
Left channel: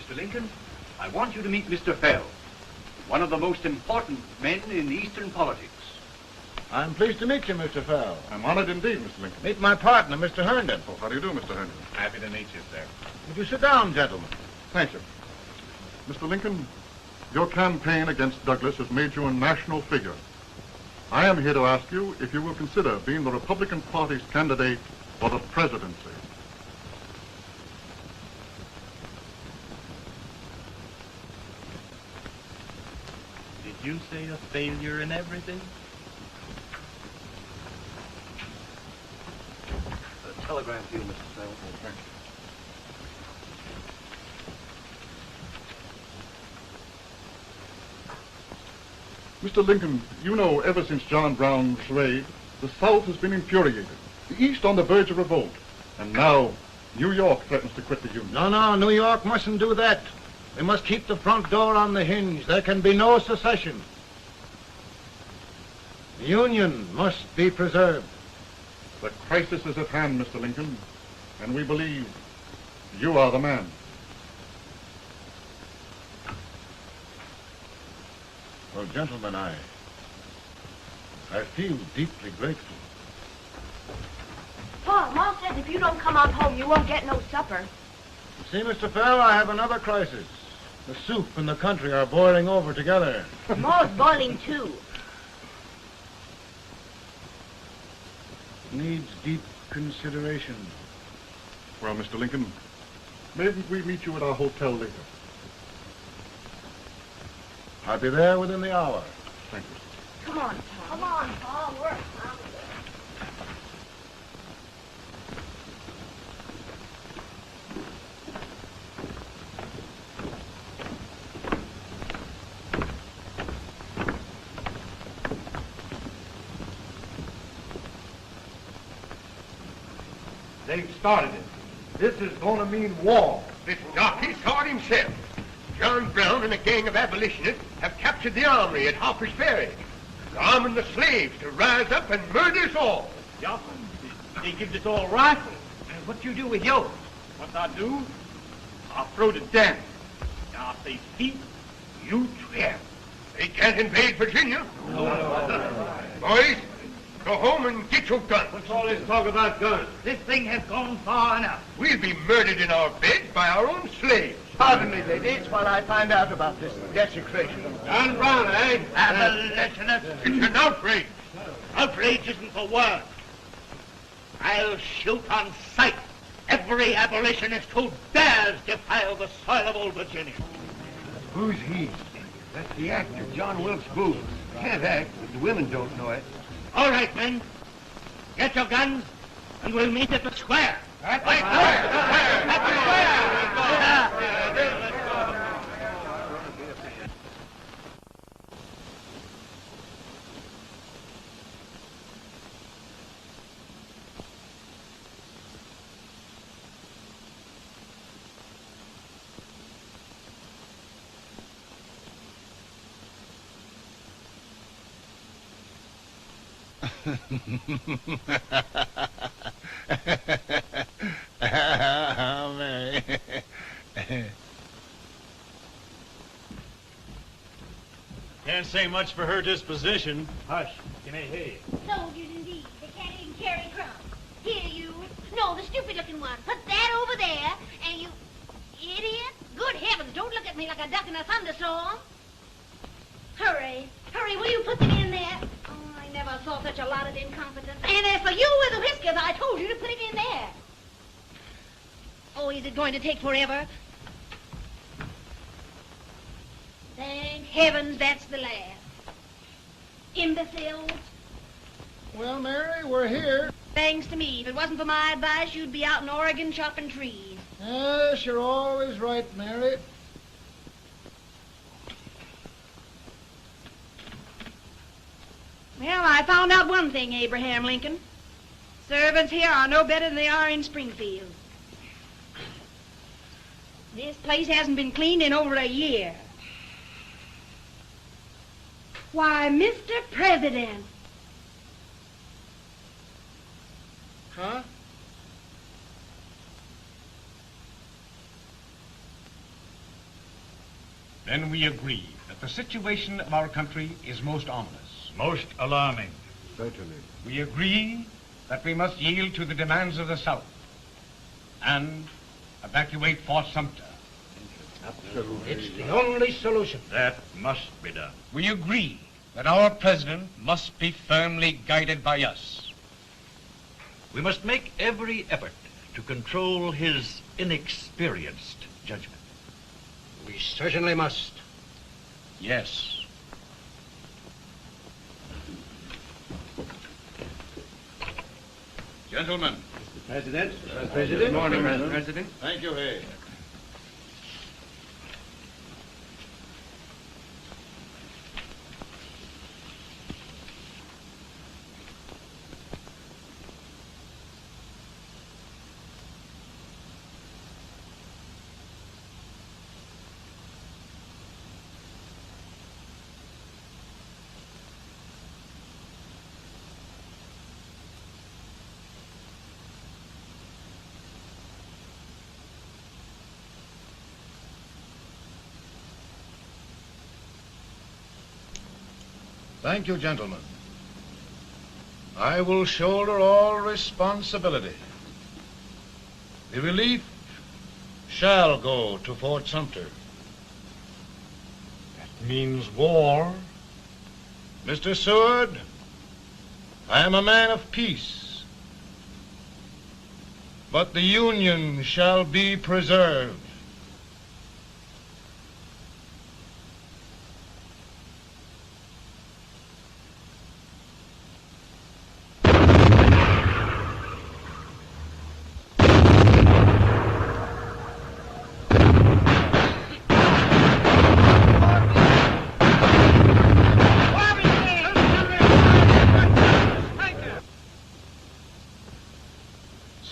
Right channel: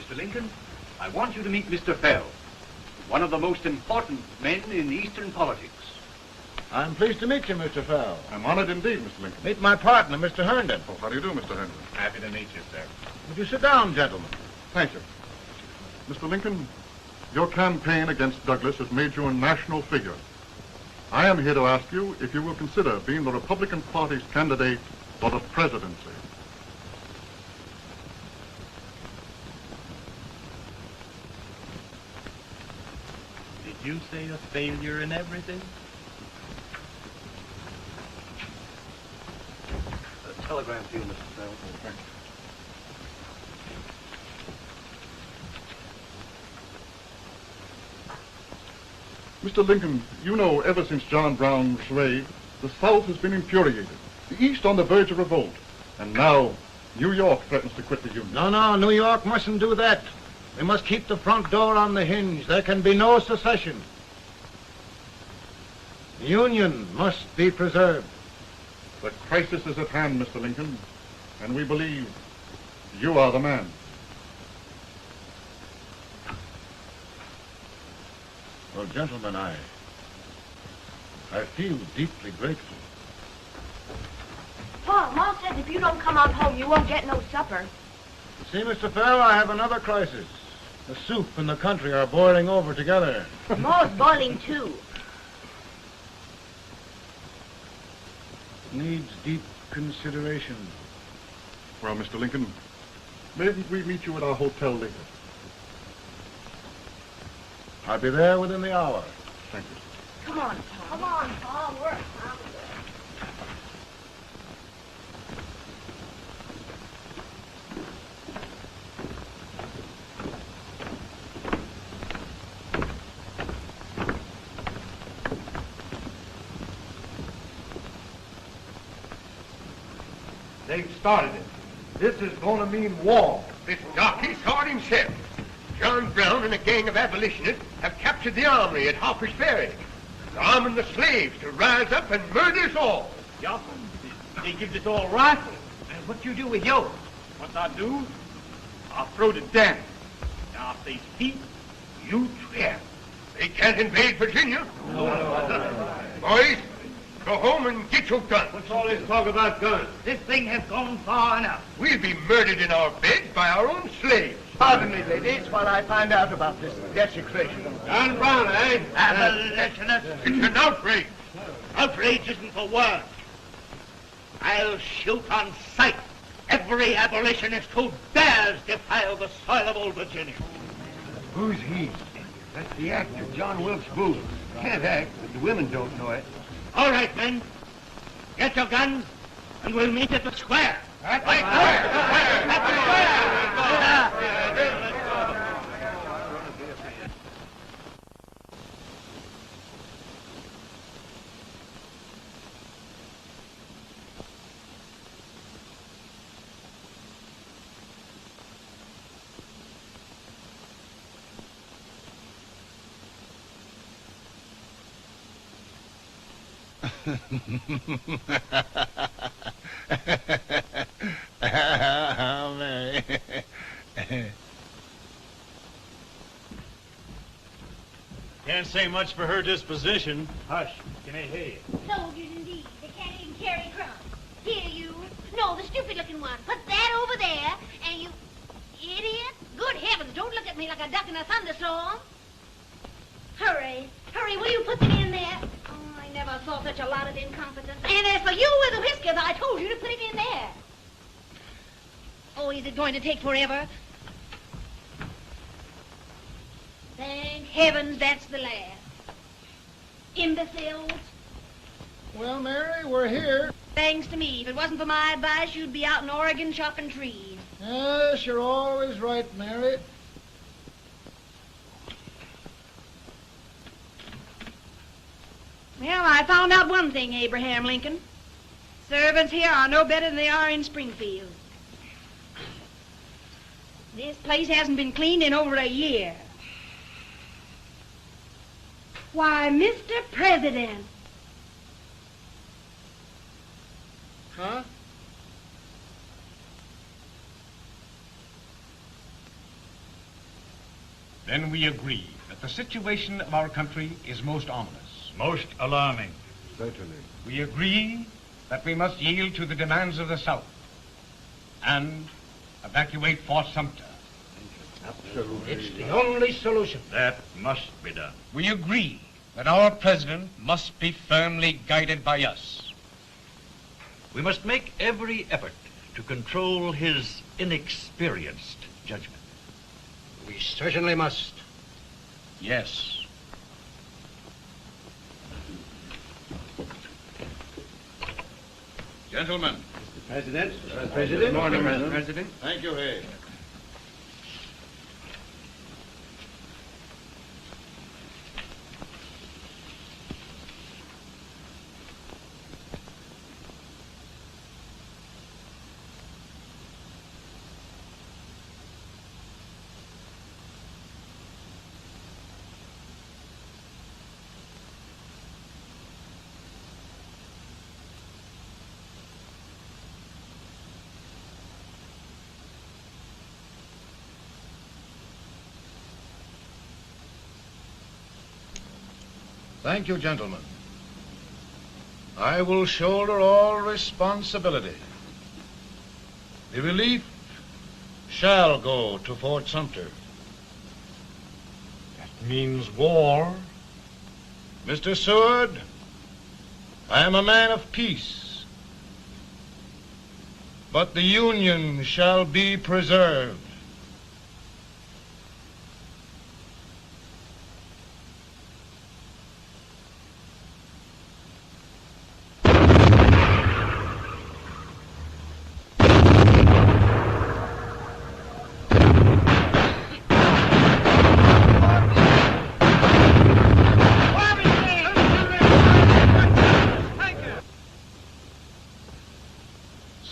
Mr. Lincoln, I want you to meet Mr. Fell, one of the most important men in Eastern politics. I'm pleased to meet you, Mr. Fell. I'm honored indeed, Mr. Lincoln. Meet my partner, Mr. Herndon. Oh, how do you do, Mr. Herndon? Happy to meet you, sir. Would you sit down, gentlemen? Thank you. Mr. Lincoln, your campaign against Douglas has made you a national figure. I am here to ask you if you will consider being the Republican Party's candidate for the presidency. Did you say a failure in everything? Telegram to you, Mr. Fell. Mr. Lincoln, you know ever since John Brown's raid, the South has been infuriated, the East on the verge of revolt, and now New York threatens to quit the Union. No, New York mustn't do that. They must keep the front door on the hinge. There can be no secession. The Union must be preserved. The crisis is at hand, Mr. Lincoln, and we believe you are the man. Well, gentlemen, I feel deeply grateful. Paul, Mom says if you don't come on home, you won't get no supper. See, Mr. Fell, I have another crisis. The soup and the country are boiling over together. Ma's boiling too. Needs deep consideration. Well, Mr. Lincoln, maybe we meet you at our hotel later. I'll be there within the hour. Thank you. Come on, Paul. Come on, Paul. Work. They've started it. This is going to mean war. This jockey saw it himself. John Brown and a gang of abolitionists have captured the armory at Harper's Ferry, arming the slaves to rise up and murder us all. Yeah, they give this all right. And what you do with yours? What I do? I throw it down. Now if they speak, you tramp. They can't invade Virginia. Boys, go home and get your guns. What's all this talk about guns? This thing has gone far enough. We'll be murdered in our beds by our own slaves. Pardon me, ladies, while I find out about this desecration. John Brown, eh? Abolitionists. It's an outrage. Outrage isn't the word. I'll shoot on sight every abolitionist who dares defile the soil of old Virginia. Who's he? That's the actor, John Wilkes Booth. Can't act, but the women don't know it. All right, men. Get your guns, and we'll meet at the square. Right. At the square! Can't say much for her disposition. Hush, can I hear you? Soldiers indeed. They can't even carry crumbs. Here, you. No, the stupid-looking one. Put that over there, and you... Idiot. Good heavens, don't look at me like a duck in a thunderstorm. Hurry. Hurry, will you put them in there? Oh, I never saw such a lot of incompetence. And as for you with the whiskers, I told you to put it in there. Oh, is it going to take forever? Thank heavens that's the last. Imbeciles. Well, Mary, we're here. Thanks to me. If it wasn't for my advice, you'd be out in Oregon chopping trees. Yes, you're always right, Mary. Well, I found out one thing, Abraham Lincoln. Servants here are no better than they are in Springfield. This place hasn't been cleaned in over a year. Why, Mr. President. Huh? Then we agree that the situation of our country is most ominous. Most alarming. Certainly. We agree that we must yield to the demands of the South and evacuate Fort Sumter. It's the only solution. That must be done. We agree that our president must be firmly guided by us. We must make every effort to control his inexperienced judgment. We certainly must. Yes. Gentlemen. President. Good morning, Mr. President. Thank you, Hay. Thank you, gentlemen. I will shoulder all responsibility. The relief shall go to Fort Sumter. That means war. Mr. Seward, I am a man of peace, but the Union shall be preserved.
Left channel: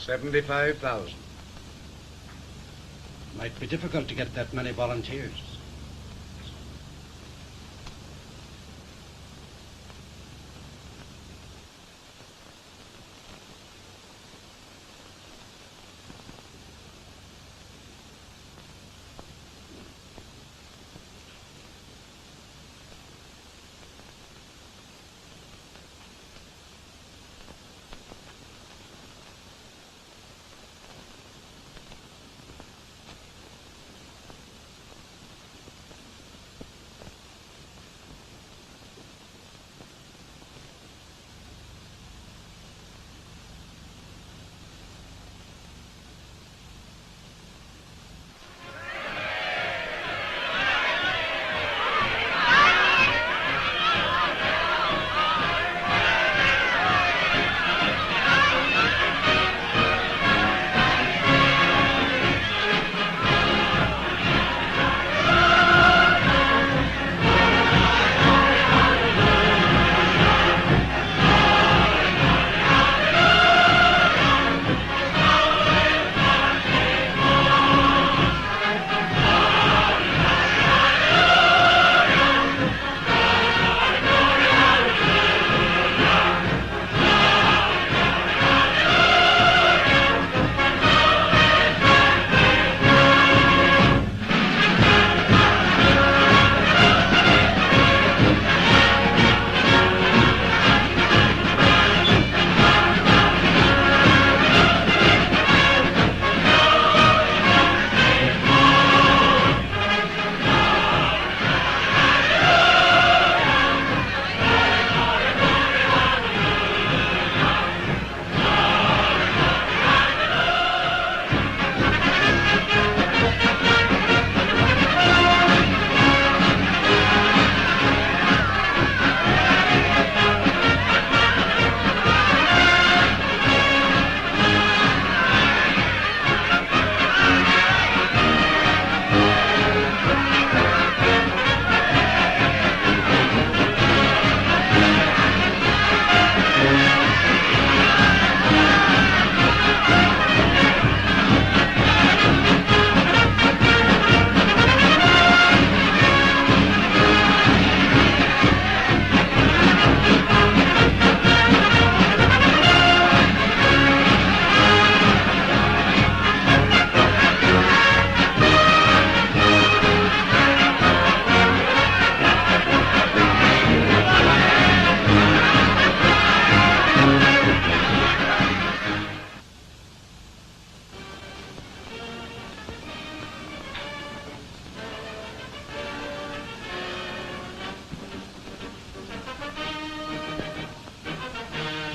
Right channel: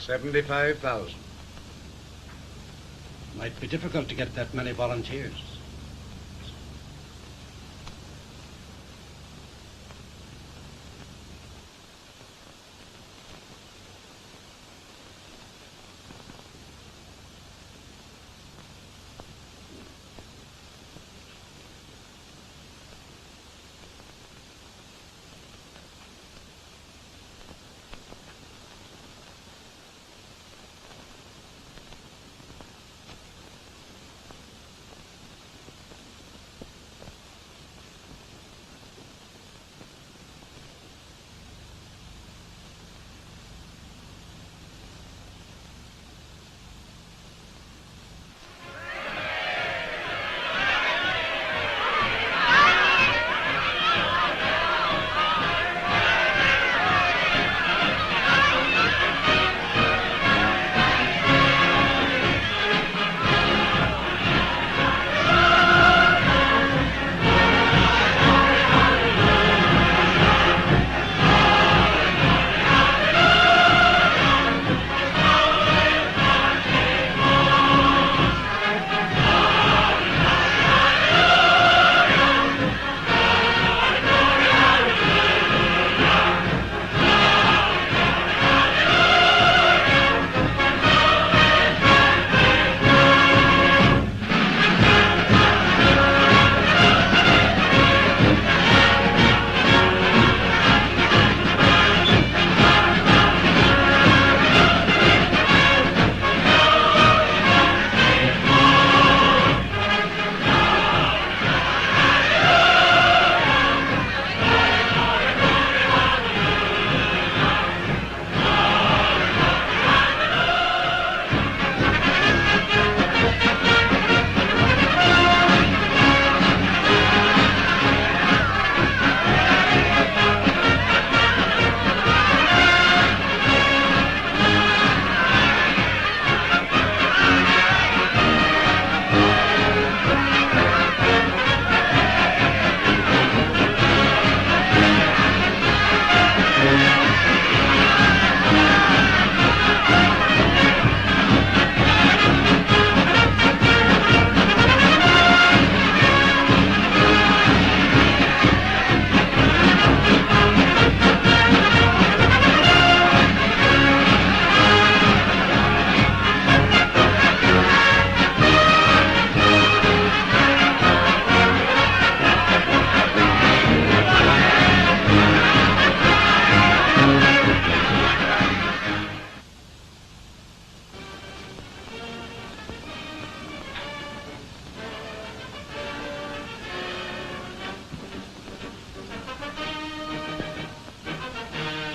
$75,000. Might be difficult to get that many volunteers.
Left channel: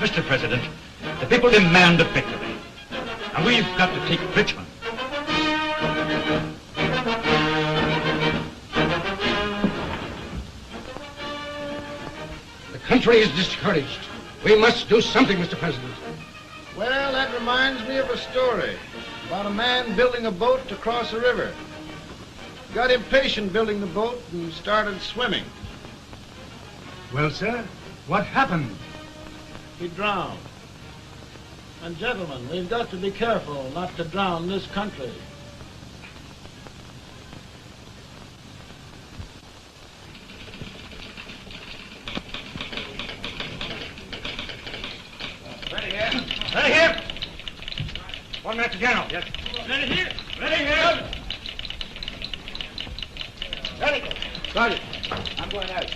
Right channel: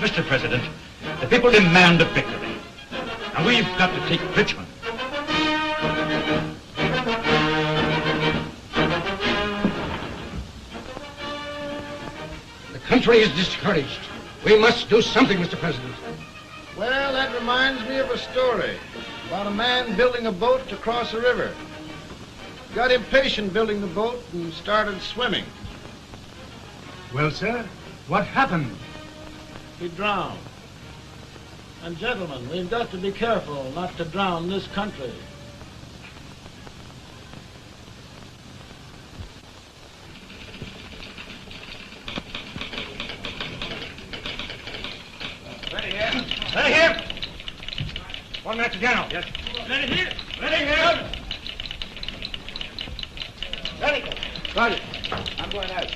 Mr. President, the people demand a victory. And we've got to take Richmond. The country is discouraged. We must do something, Mr. President. Well, that reminds me of a story about a man building a boat to cross a river. Got impatient building the boat and started swimming. Well, sir, what happened? He drowned. And gentlemen, we've got to be careful not to drown this country. Ready here. Ready here. 1 minute to General. Yes. Ready here. Ready here. Ready. Right. I'm going out.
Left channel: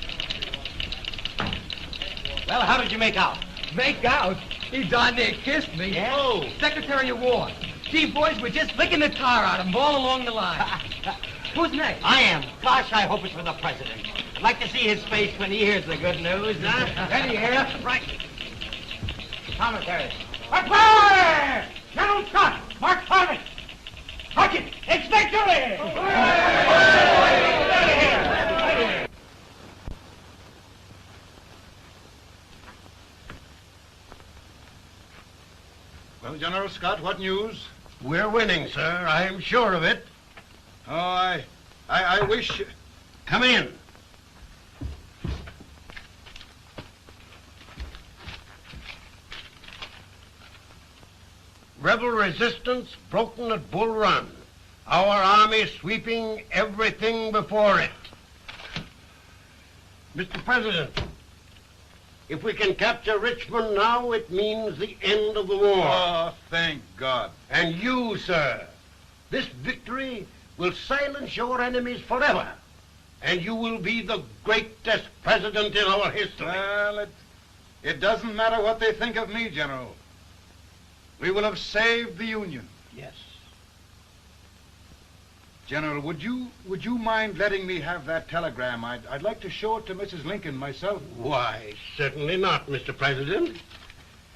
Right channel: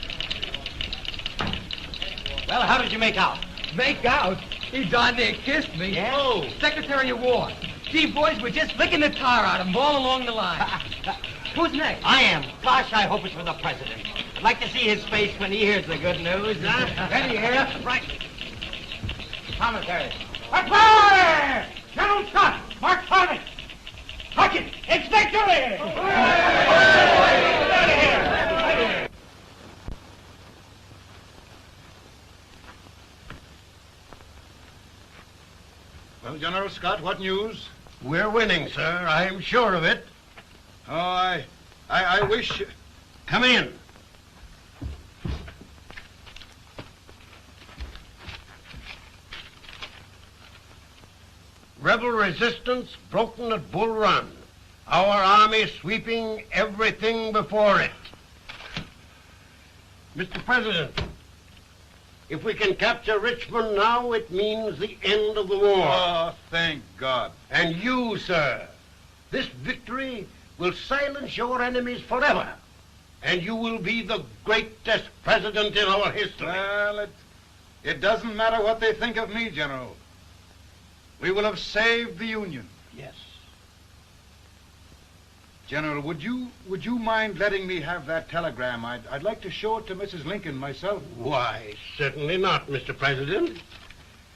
Well, how did you make out? Make out? He darn near kissed me. Yeah? Oh, Secretary of War. Gee, boys, we're just licking the tar out of him all along the line. Who's next? I am. Gosh, I hope it's for the president. I'd like to see his face when he hears the good news. Ready here? Right. Commentary. Fire! General Scott! Mark Harvey! Sergeant, it's victory! Well, General Scott, what news? We're winning, sir. I am sure of it. Oh, I wish... Come in. Rebel resistance broken at Bull Run. Our army sweeping everything before it. Mr. President, if we can capture Richmond now, it means the end of the war. Oh, thank God. And you, sir, this victory will silence your enemies forever. And you will be the greatest president in our history. Well, it doesn't matter what they think of me, General. We will have saved the Union. Yes. General, would you mind letting me have that telegram? I'd like to show it to Mrs. Lincoln myself. Why, certainly not, Mr. President.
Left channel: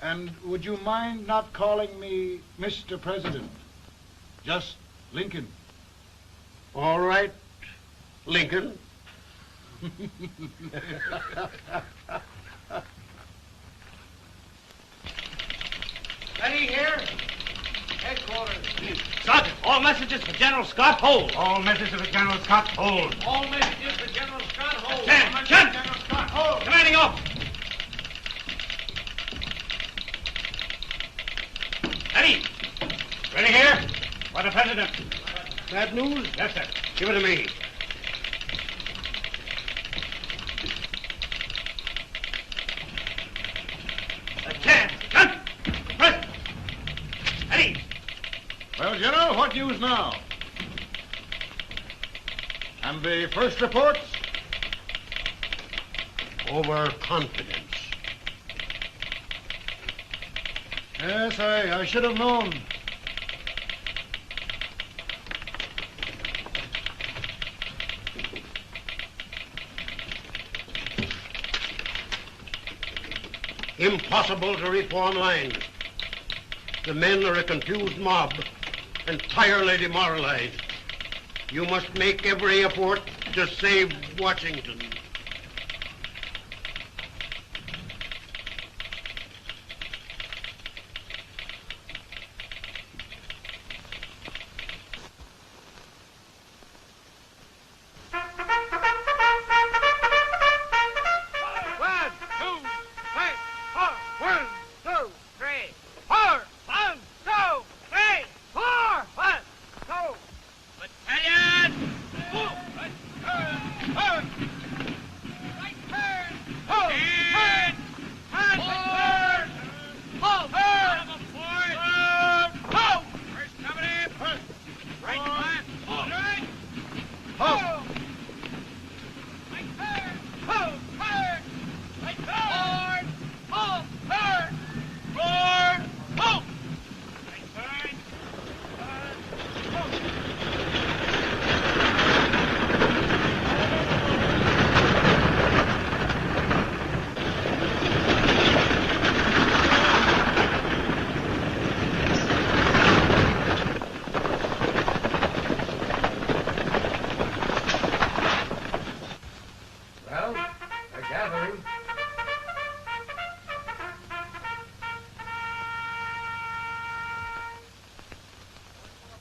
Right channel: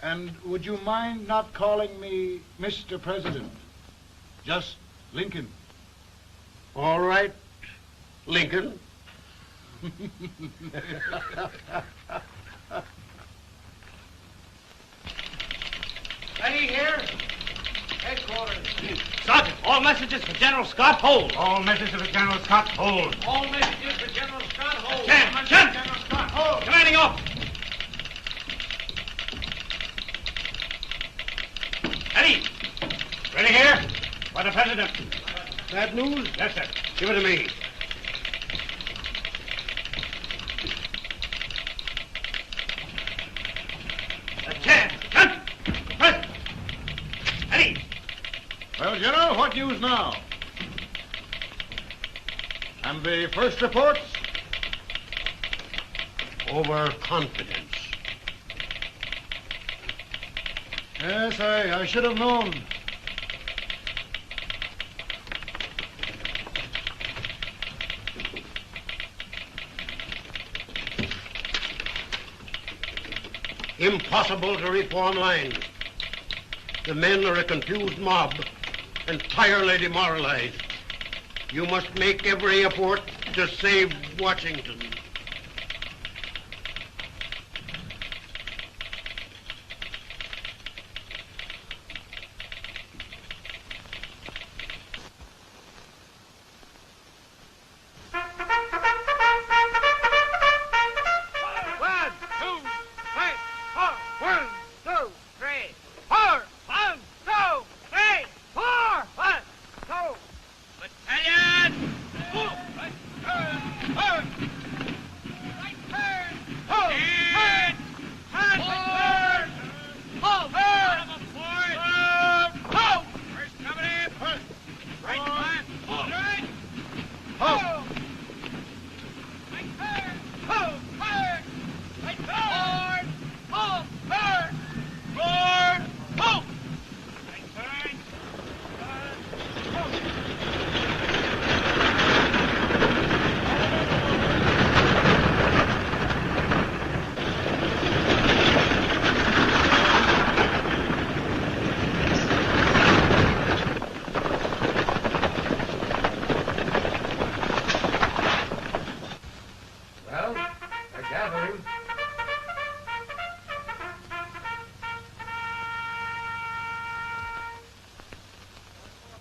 And would you mind not calling me Mr. President? Just Lincoln. All right, Lincoln. Ready here. Headquarters. Sergeant, all messages for General Scott, hold. All messages for General Scott, hold. All messages for General Scott, hold. Stand. General Scott, hold. Commanding officer. Ready. Ready here. For the President. Bad news? Yes, sir. Give it to me. Well, General, what news now? And the first reports? Overconfidence. Yes, I should have known. Impossible to reform lines. The men are a confused mob, entirely demoralized. You must make every effort to save Washington.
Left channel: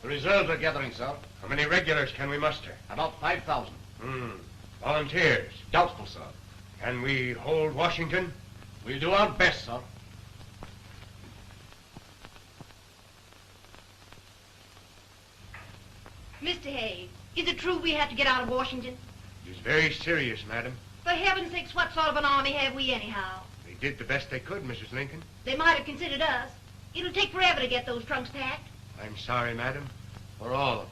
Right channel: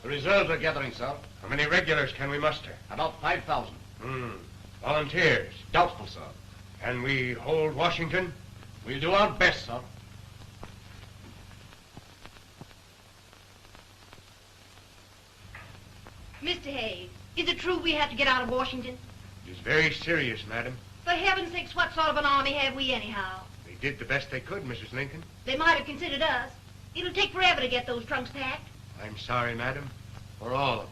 reserves are gathering, sir. How many regulars can we muster? About 5,000. Volunteers? Doubtful, sir. Can we hold Washington? We'll do our best, sir. Mr. Hayes, is it true we have to get out of Washington? It is very serious, madam. For heaven's sakes, what sort of an army have we anyhow? They did the best they could, Mrs. Lincoln. They might have considered us. It'll take forever to get those trunks packed. I'm sorry, madam, for all of us.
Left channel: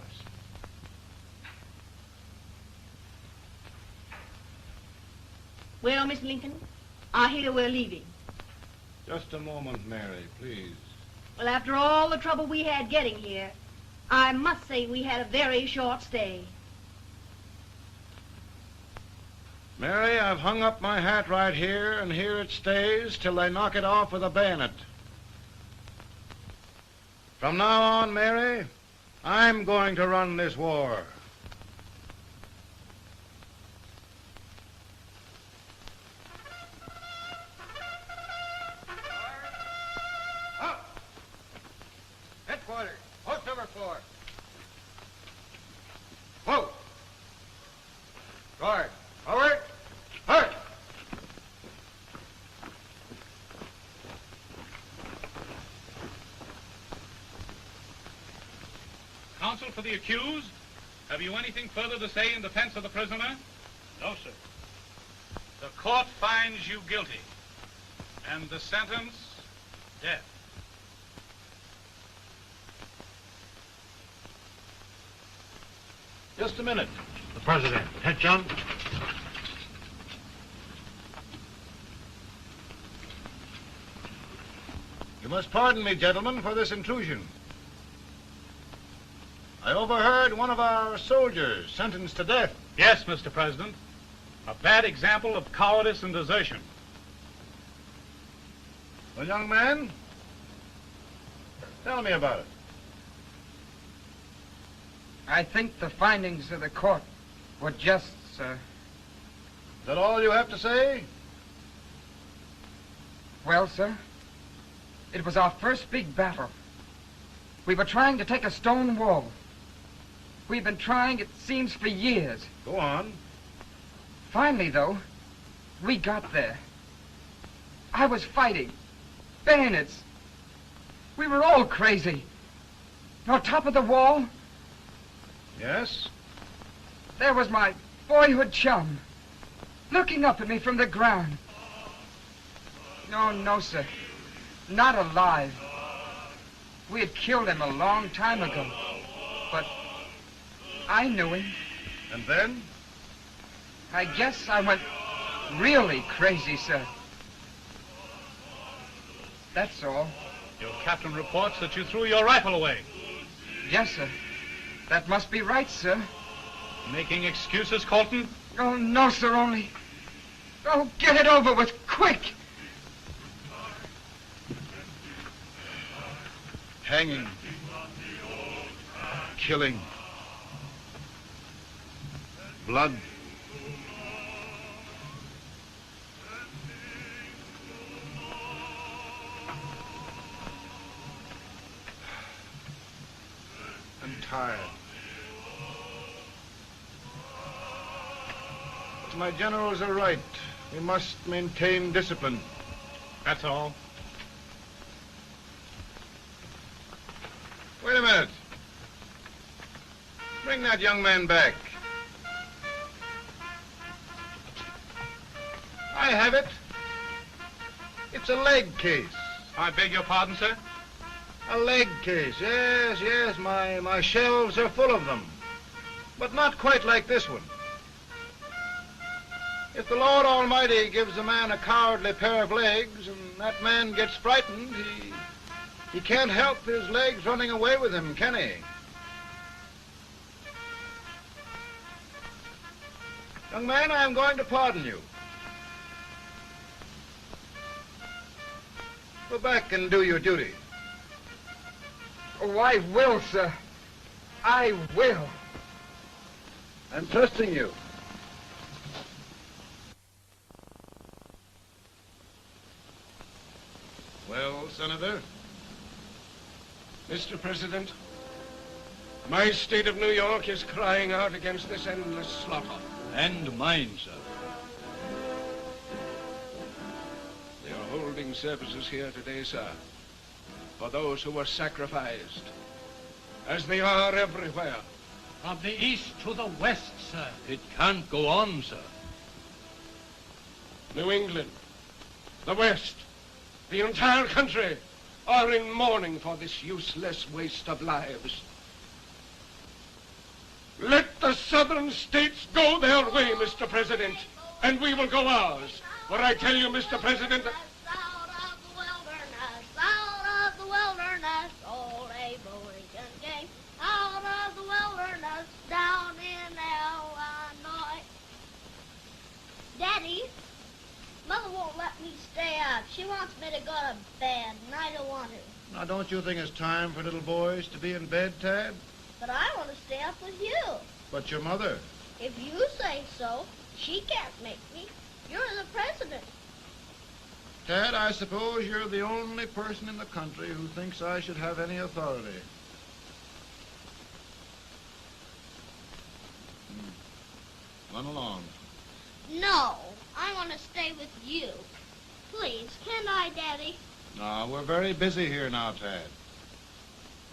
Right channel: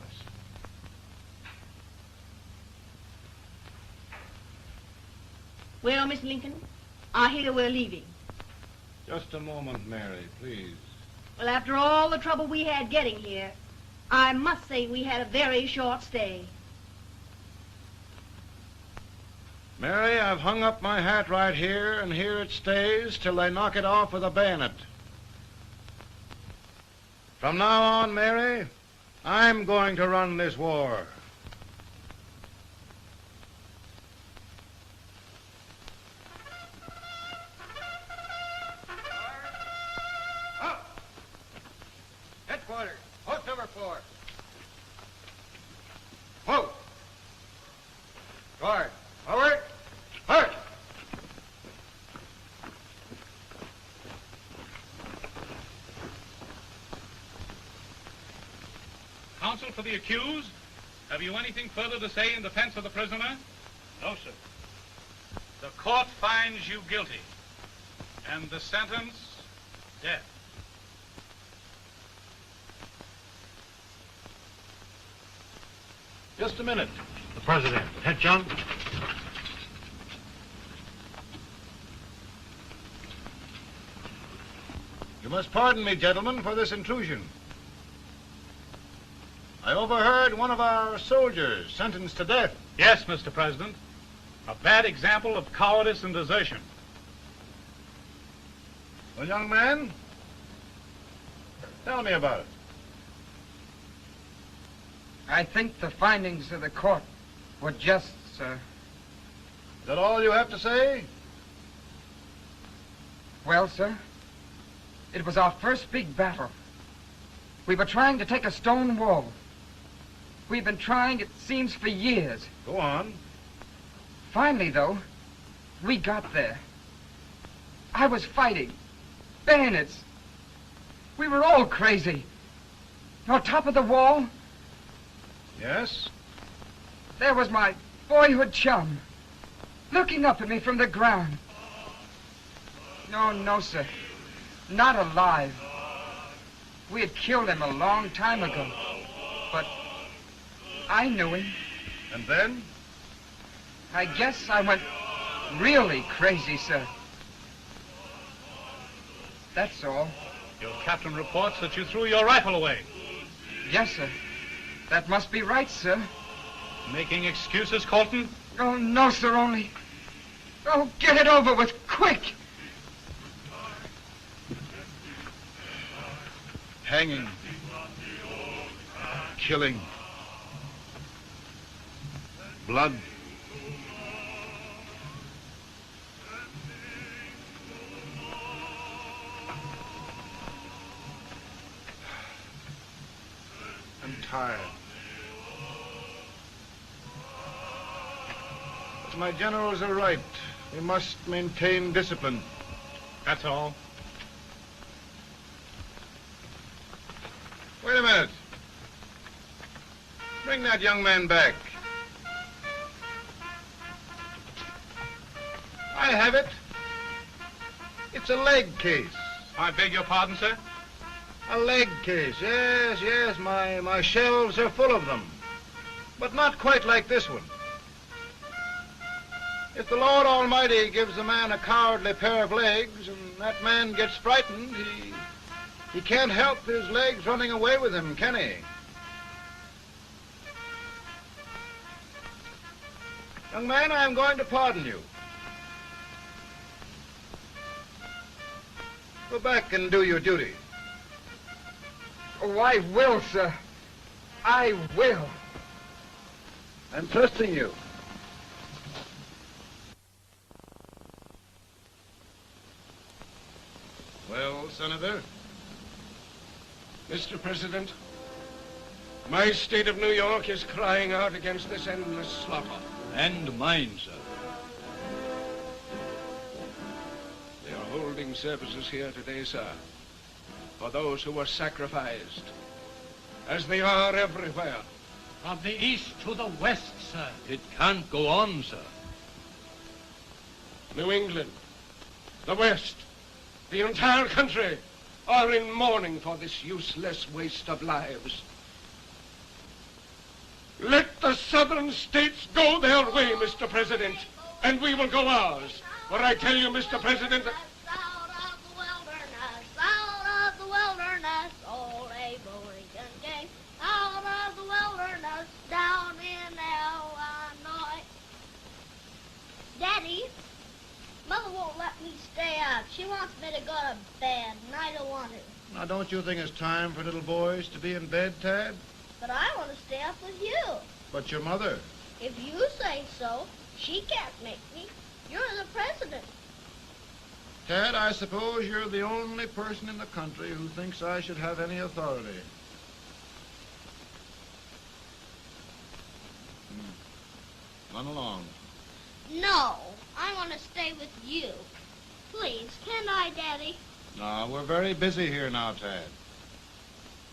Well, Mr. Lincoln, I hear we're leaving. Just a moment, Mary, please. Well, after all the trouble we had getting here, I must say we had a very short stay. Mary, I've hung up my hat right here, and here it stays till they knock it off with a bayonet. From now on, Mary, I'm going to run this war. Headquarters, post number 4. Whoa! Guard, forward, march! Counsel for the accused, have you anything further to say in defense of the prisoner? No, sir. The court finds you guilty, and the sentence, death. Just a minute. The President. Head, John. You must pardon me, gentlemen, for this intrusion. I overheard one of our soldiers sentenced to death. Yes, Mr. President. A bad example of cowardice and desertion. Well, young man, tell me about it. I think the findings of the court were just, sir. Is that all you have to say? Well, sir, it was our first big battle. We were trying to take a stone wall. We've been trying, it seems, for years. Go on. Finally, though, we got there. I was fighting. Bayonets. We were all crazy. On top of the wall, Yes? there was my boyhood chum, looking up at me from the ground. No, sir. Not alive. We had killed him a long time ago. But I knew him. And then? I guess I went really crazy, sir. That's all. Your captain reports that you threw your rifle away. Yes, sir. That must be right, sir. Making excuses, Colton? Oh, no, sir, only... Oh, get it over with, quick! Hanging. Killing. Blood. I'm tired. My generals are right. We must maintain discipline. That's all. Wait a minute. Bring that young man back. I have it. It's a leg case. I beg your pardon, sir? A leg case, yes. My shelves are full of them. But not quite like this one. If the Lord Almighty gives a man a cowardly pair of legs and that man gets frightened, he can't help his legs running away with him, can he? Young man, I am going to pardon you. Go back and do your duty. Oh, I will, sir. I will. I'm trusting you. Well, Senator? Mr. President, My state of New York is crying out against this endless slaughter. And mine, sir. They are holding services here today, sir, for those who were sacrificed, as they are everywhere. From the east to the west, sir. It can't go on, sir. New England, the West, the entire country are in mourning for this useless waste of lives. Let the southern states go their way, Mr. President, and we will go ours. For I tell you, Mr. President, Out of the wilderness, old Abraham Lincoln came. Out of the wilderness, down in Illinois. Daddy, Mother won't let me stay out. She wants me to go to bed, and I don't want to. Now, don't you think it's time for little boys to be in bed, Tad? But I want to stay up with you. But your mother. If you say so, she can't make me. You're the president. Tad, I suppose you're the only person in the country who thinks I should have any authority. Run along. No, I want to stay with you. Please, can I, Daddy? No, we're very busy here now, Tad.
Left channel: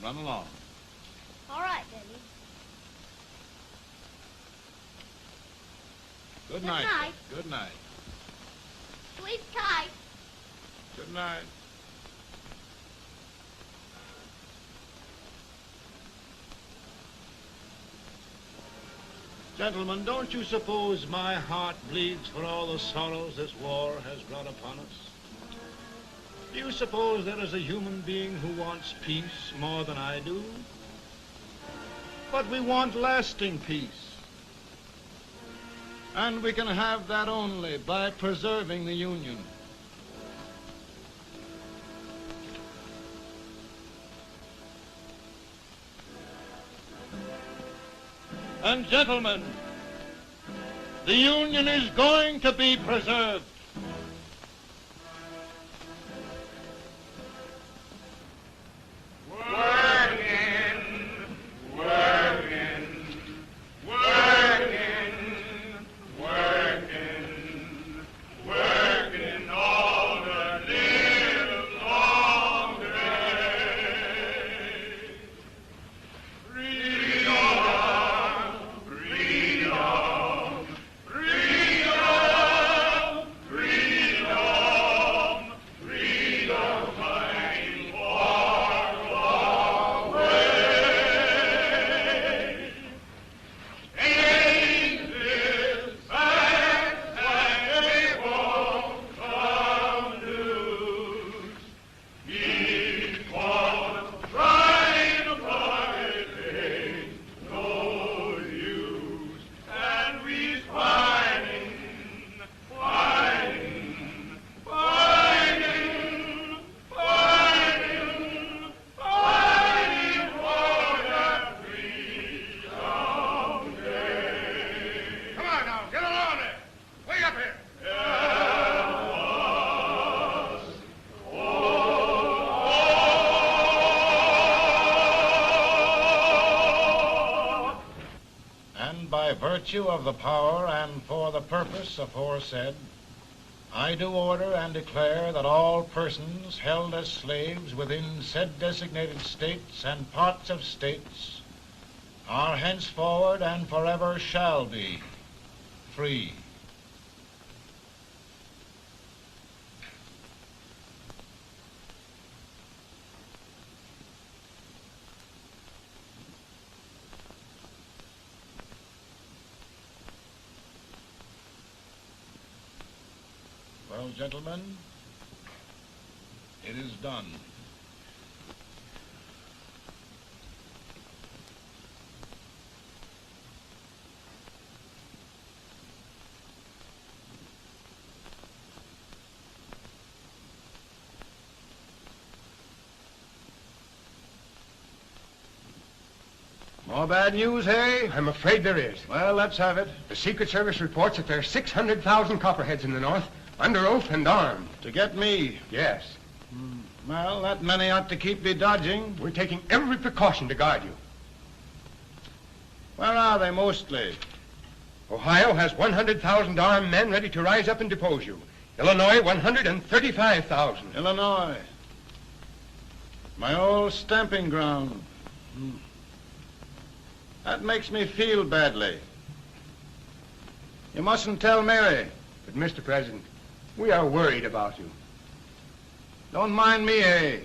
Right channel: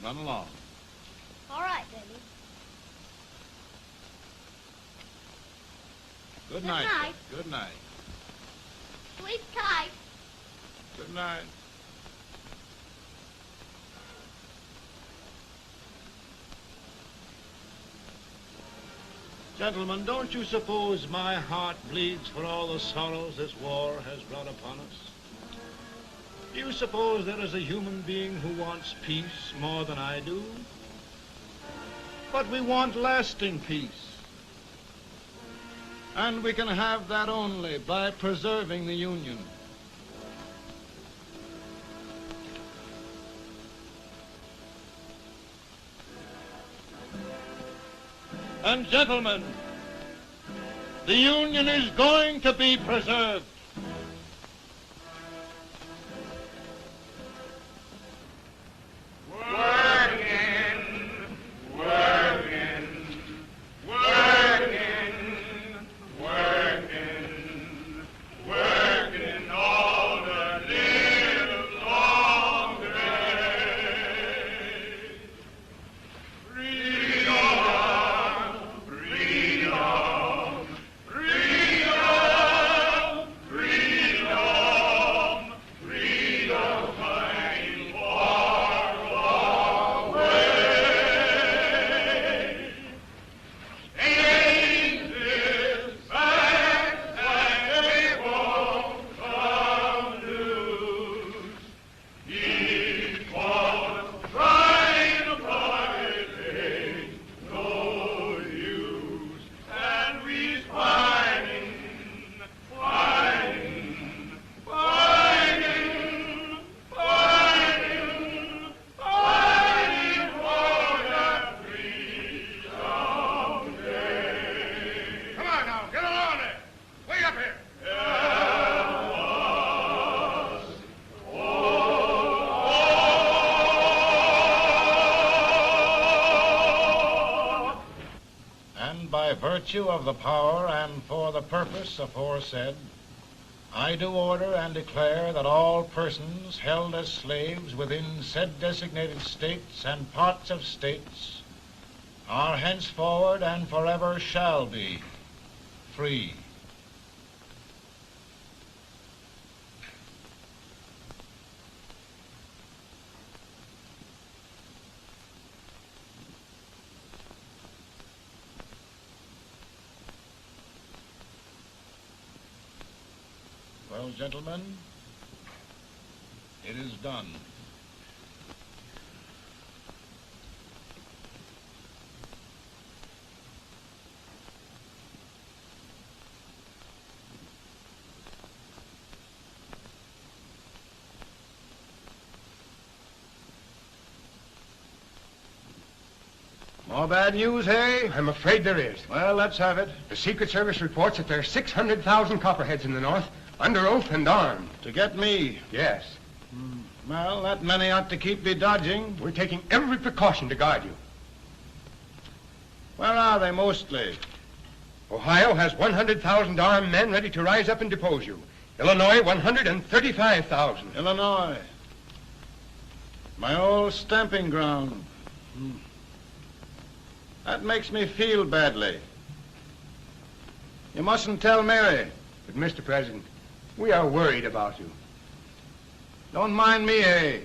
Run along. All right, Daddy. Good night. Good night. Good night. Sleep tight. Good night. Gentlemen, don't you suppose my heart bleeds for all the sorrows this war has brought upon us? Do you suppose there is a human being who wants peace more than I do? But we want lasting peace. And we can have that only by preserving the Union. And gentlemen, the Union is going to be preserved. Working, working, working, working, working all the live long day. Freedom, freedom, freedom, freedom, freedom, fighting for the way. Ages back and they won't come loose. Before trying to fight ain't no use. And we's fighting, fighting, fighting, fighting, fighting for that freedom day. come on now, get along there. Way up here. And by virtue of the power and for the purpose aforesaid, I do order and declare that all persons held as slaves within said designated states and parts of states are henceforward and forever shall be free. Well, gentlemen, it is done. More bad news, eh? I'm afraid there is. Well, let's have it. The Secret Service reports that there are 600,000 Copperheads in the North, under oath and armed. To get me? Yes. Well, that many ought to keep me dodging. We're taking every precaution to guard you. Where are they mostly? Ohio has 100,000 armed men ready to rise up and depose you. Illinois, 135,000. Illinois. My old stamping ground. That makes me feel badly. You mustn't tell Mary. But, Mr. President, we are worried about you. Don't mind me, eh?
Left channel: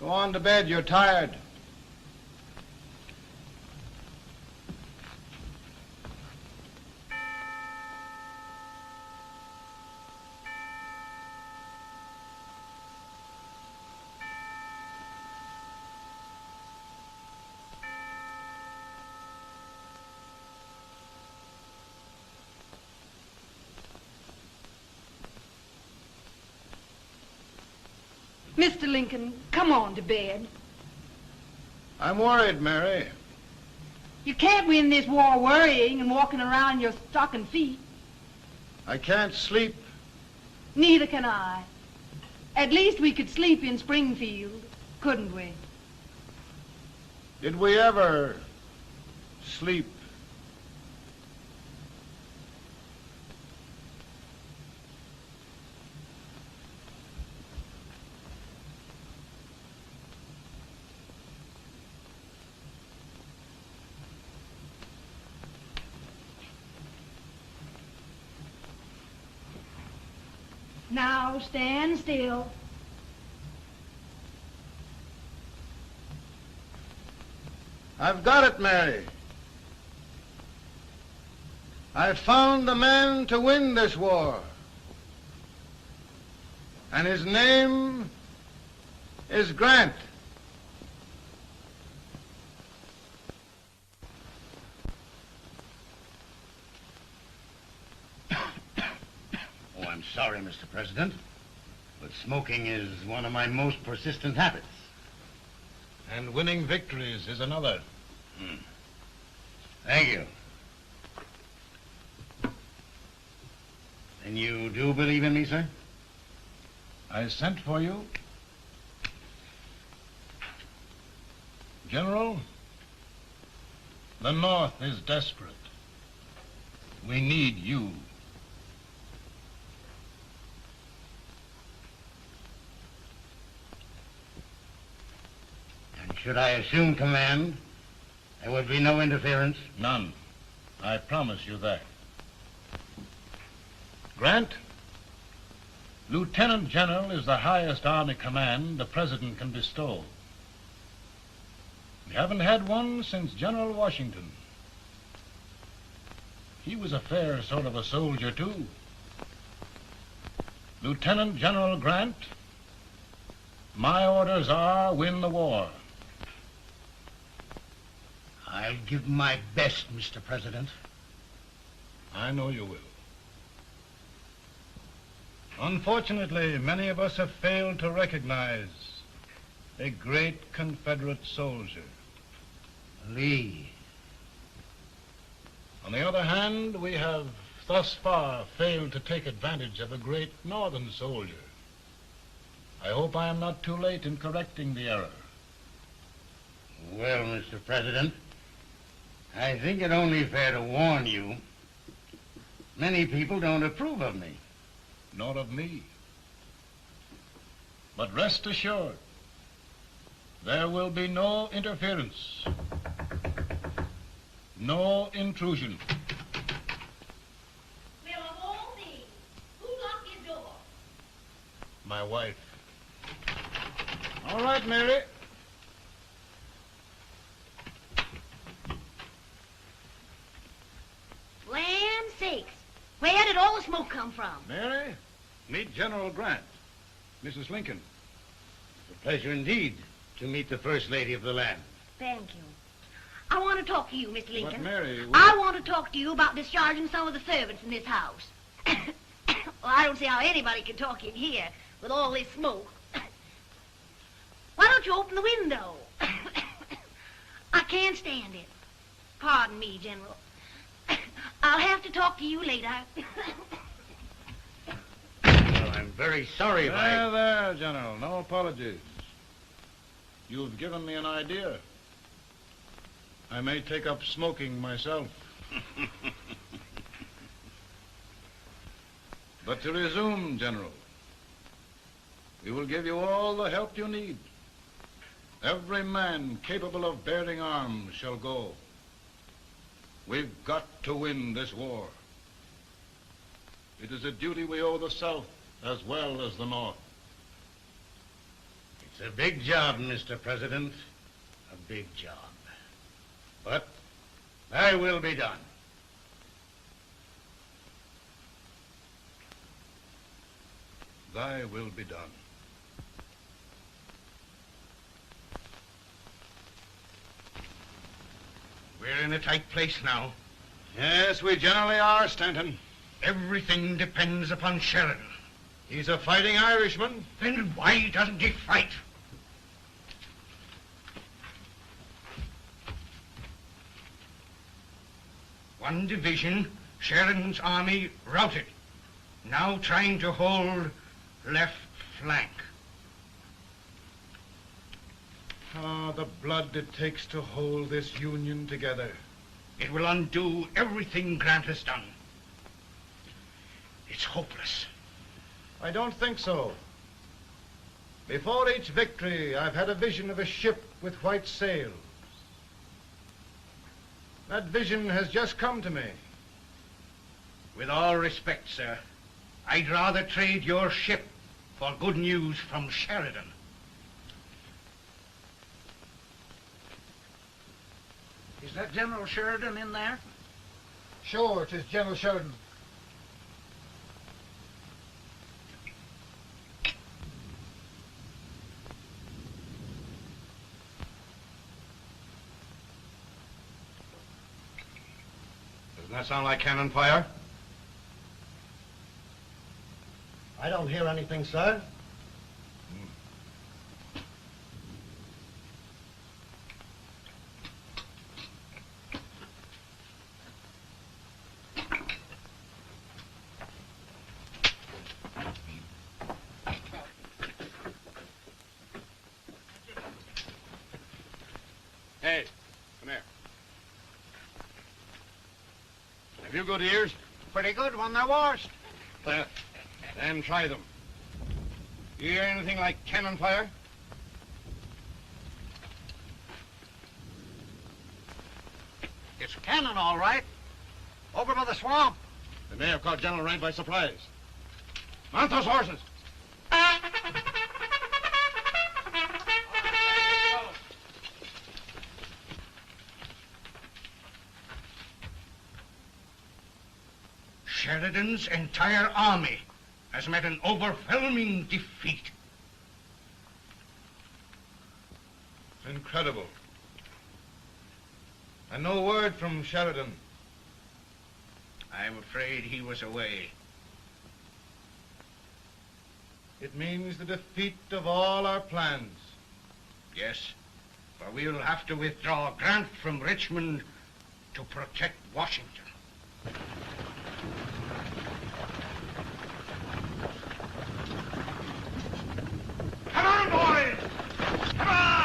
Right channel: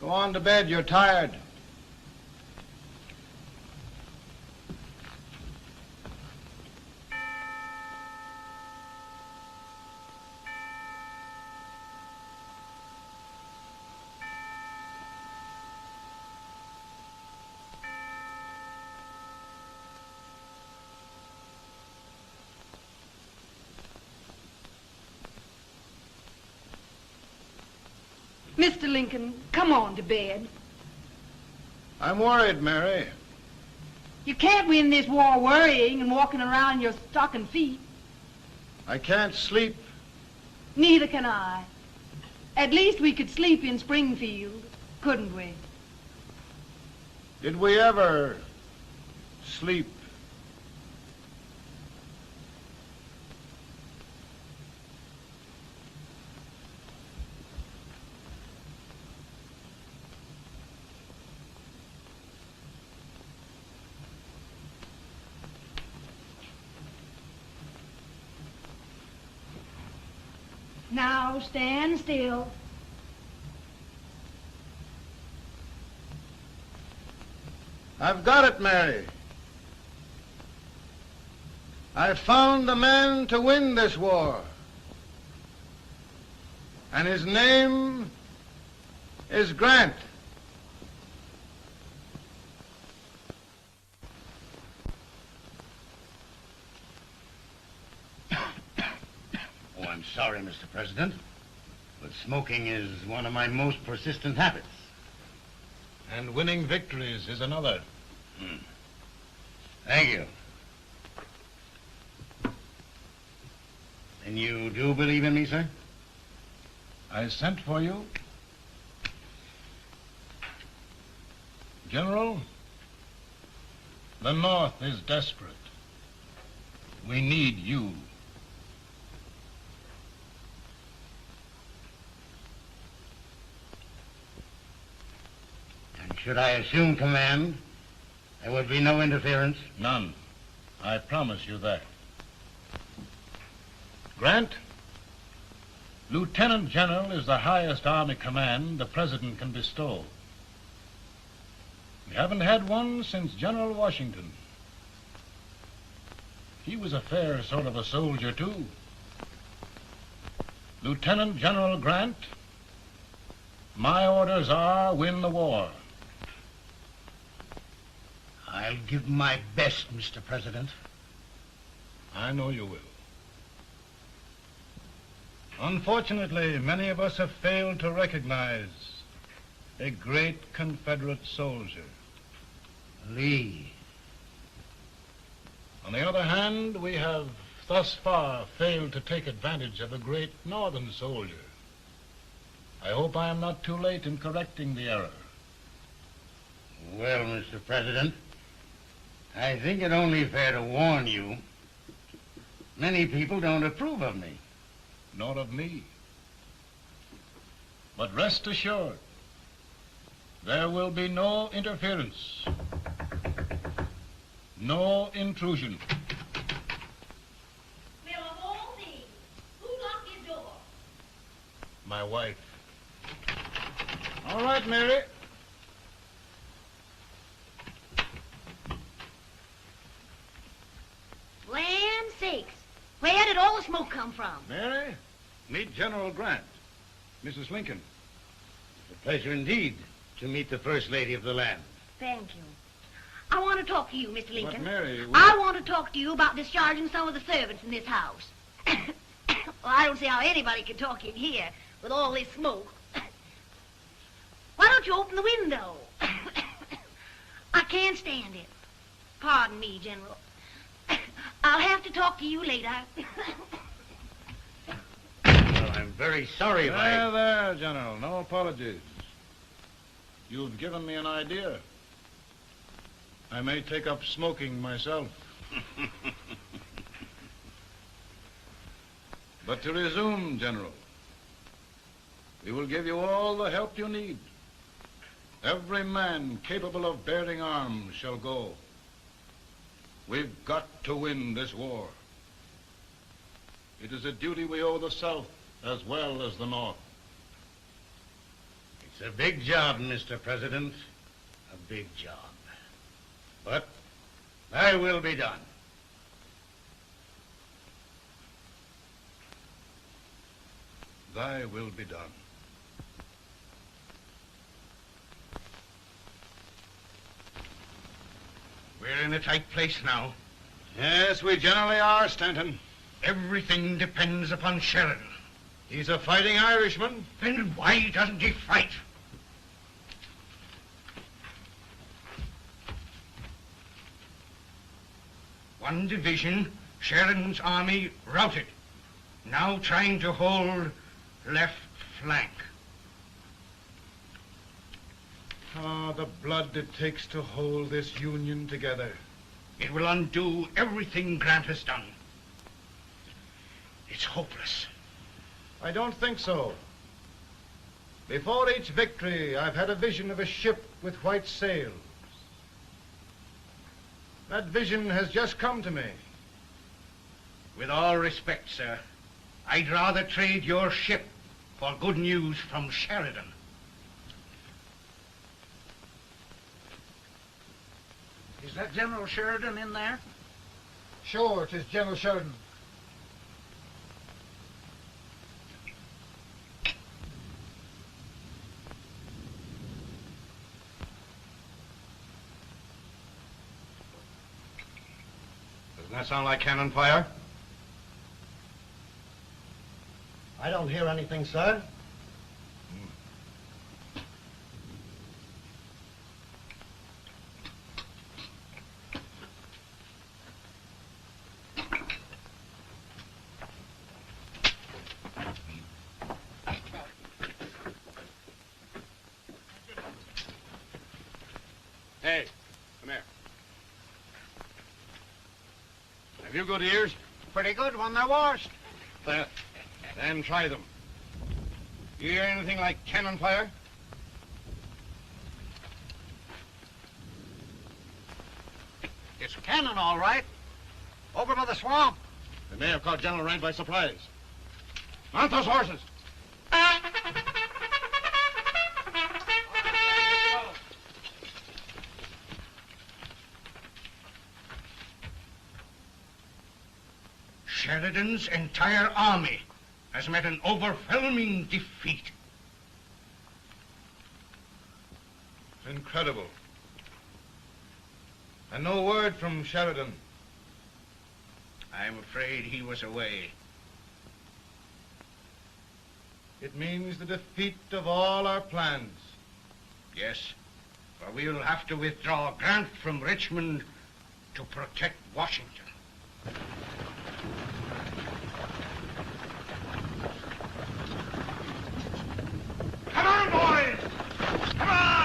Go on to bed. You're tired. Mr. Lincoln, come on to bed. I'm worried, Mary. You can't win this war worrying and walking around your stocking feet. I can't sleep. Neither can I. At least we could sleep in Springfield, couldn't we? Did we ever sleep? Now stand still. I've got it, Mary. I've found the man to win this war. And his name is Grant. Oh, I'm sorry, Mr. President, but smoking is one of my most persistent habits. And winning victories is another. Thank you. And you do believe in me, sir? I sent for you. General, the North is desperate. We need you. And should I assume command, there would be no interference? None. I promise you that. Grant, Lieutenant General is the highest army command the President can bestow. We haven't had one since General Washington. He was a fair sort of a soldier, too. Lieutenant General Grant, my orders are win the war. I'll give my best, Mr. President. I know you will. Unfortunately, many of us have failed to recognize a great Confederate soldier, Lee. On the other hand, we have thus far failed to take advantage of a great Northern soldier. I hope I am not too late in correcting the error. Well, Mr. President, I think it only fair to warn you. Many people don't approve of me. Nor of me. But rest assured, there will be no interference, no intrusion. We'll all be. Who locked your door? My wife. All right, Mary. Land sakes. Where did all the smoke come from? Mary, meet General Grant. Mrs. Lincoln. It's a pleasure indeed to meet the First Lady of the land. Thank you. I want to talk to you, Mr. Lincoln. But Mary, I want to talk to you about discharging some of the servants in this house. Well, I don't see how anybody can talk in here with all this smoke. Why don't you open the window? I can't stand it. Pardon me, General. I'll have to talk to you later. Well, I'm very sorry if I... There, General. No apologies. You've given me an idea. I may take up smoking myself. But to resume, General, we will give you all the help you need. Every man capable of bearing arms shall go. We've got to win this war. It is a duty we owe the South as well as the North. It's a big job, Mr. President. A big job. But thy will be done. Thy will be done. We're in a tight place now. Yes, we generally are, Stanton. Everything depends upon Sheridan. He's a fighting Irishman. Then why doesn't he fight? One division, Sheridan's army, routed. Now trying to hold left flank. Ah, the blood it takes to hold this Union together. It will undo everything Grant has done. It's hopeless. I don't think so. Before each victory, I've had a vision of a ship with white sails. That vision has just come to me. With all respect, sir, I'd rather trade your ship for good news from Sheridan. Is that General Sheridan in there? Sure, it is General Sheridan. Doesn't that sound like cannon fire? I don't hear anything, sir. Hey, come here. Have you good ears? Pretty good when they're washed. Then try them. You hear anything like cannon fire? It's cannon, all right. Over by the swamp. They may have caught General Rank by surprise. Mount those horses. Sheridan's entire army has met an overwhelming defeat. It's incredible. And no word from Sheridan. I'm afraid he was away. It means the defeat of all our plans. Yes, for we'll have to withdraw Grant from Richmond to protect Washington. Come on, boys! Come on!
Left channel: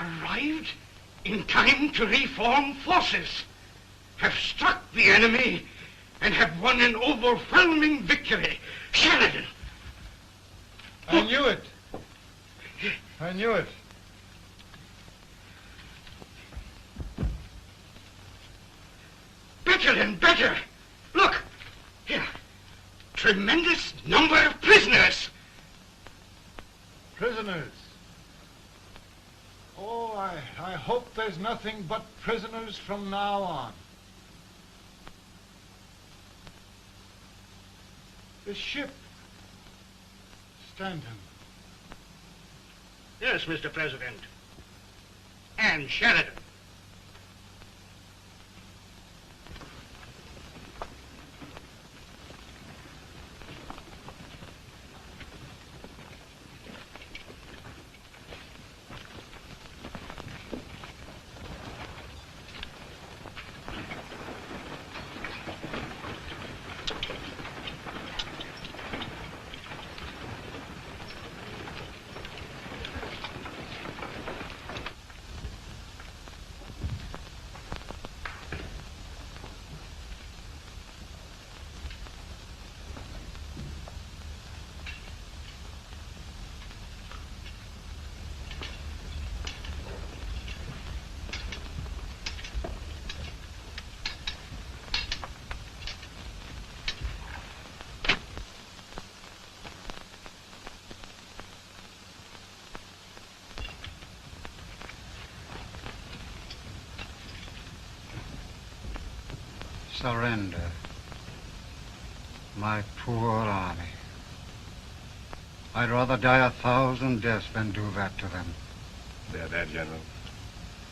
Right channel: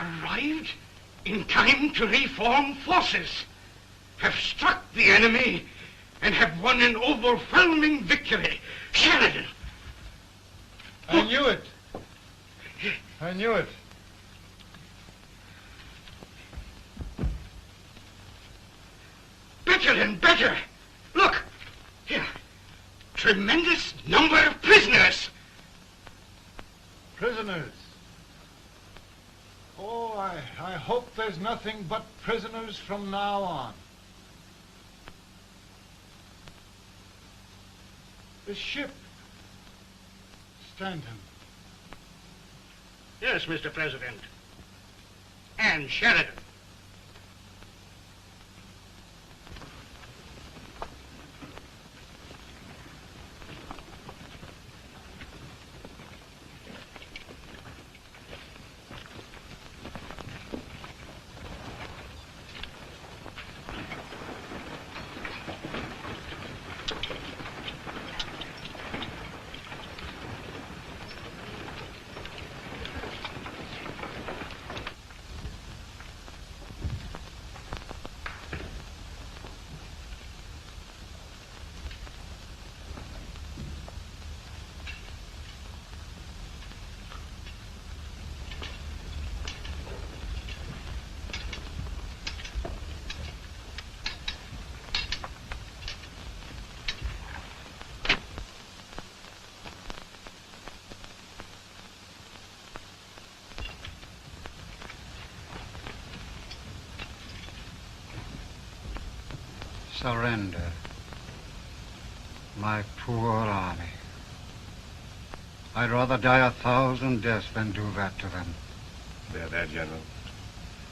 Arrived in time to reform forces, have struck the enemy, and have won an overwhelming victory. Sheridan! I knew it. I knew it. Better and better. Look, here. Tremendous number of prisoners. Prisoners. Oh, I hope there's nothing but prisoners from now on. The ship. Stanton. Yes, Mr. President. And Sheridan. Surrender. My poor army. I'd rather die 1,000 deaths than do that to them. There, General.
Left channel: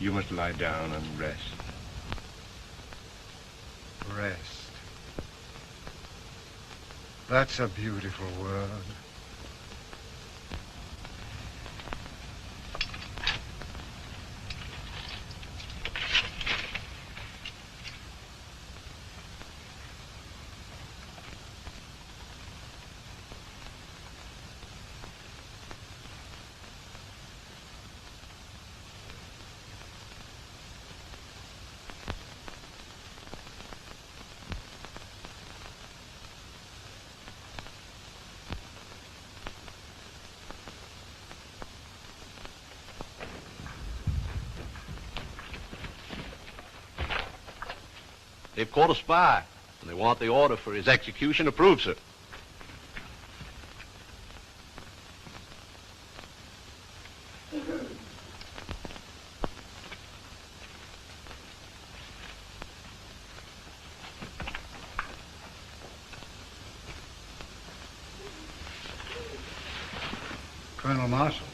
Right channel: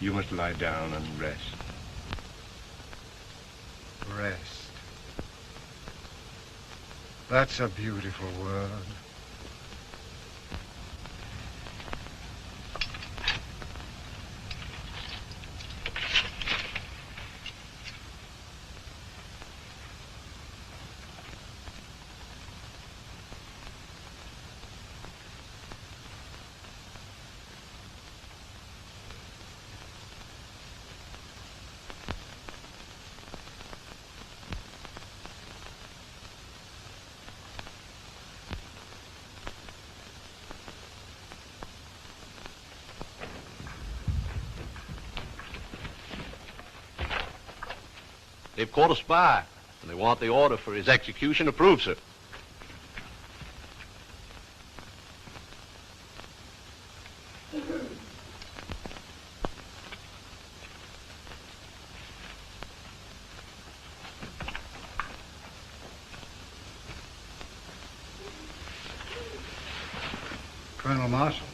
You must lie down and rest. Rest. That's a beautiful word. They've caught a spy, and they want the order for his execution approved, sir. Colonel Marshall.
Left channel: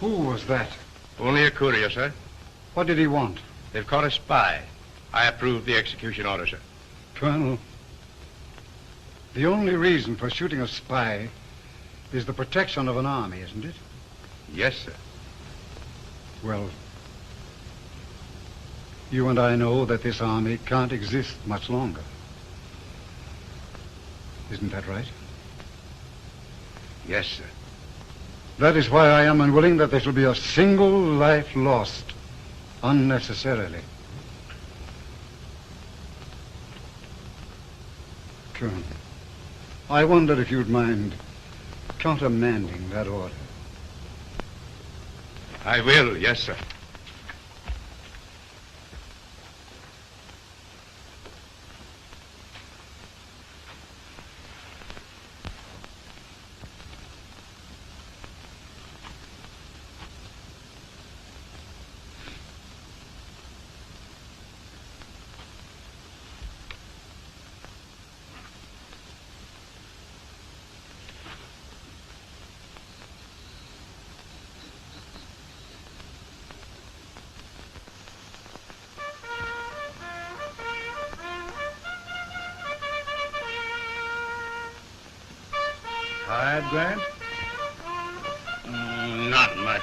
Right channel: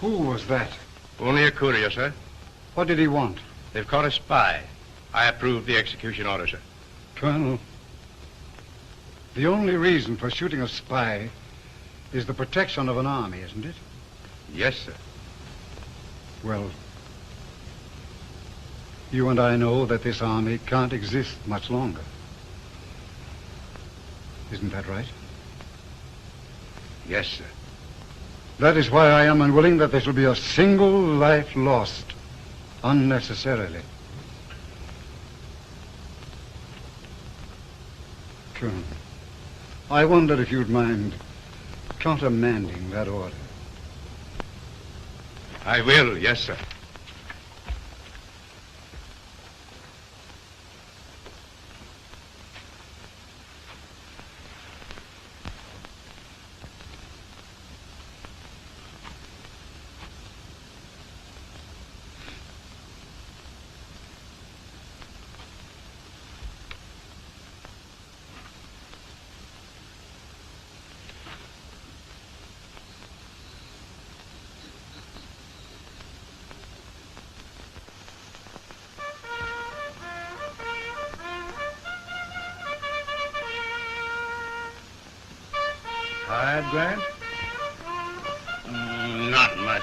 Who was that? Only a courier, sir. What did he want? They've caught a spy. I approve the execution order, sir. Colonel, the only reason for shooting a spy is the protection of an army, isn't it? Yes, sir. Well, you and I know that this army can't exist much longer. Isn't that right? Yes, sir. That is why I am unwilling that there shall be a single life lost unnecessarily. Colonel, I wonder if you'd mind countermanding that order. I will, yes, sir. Tired, Grant? Not much.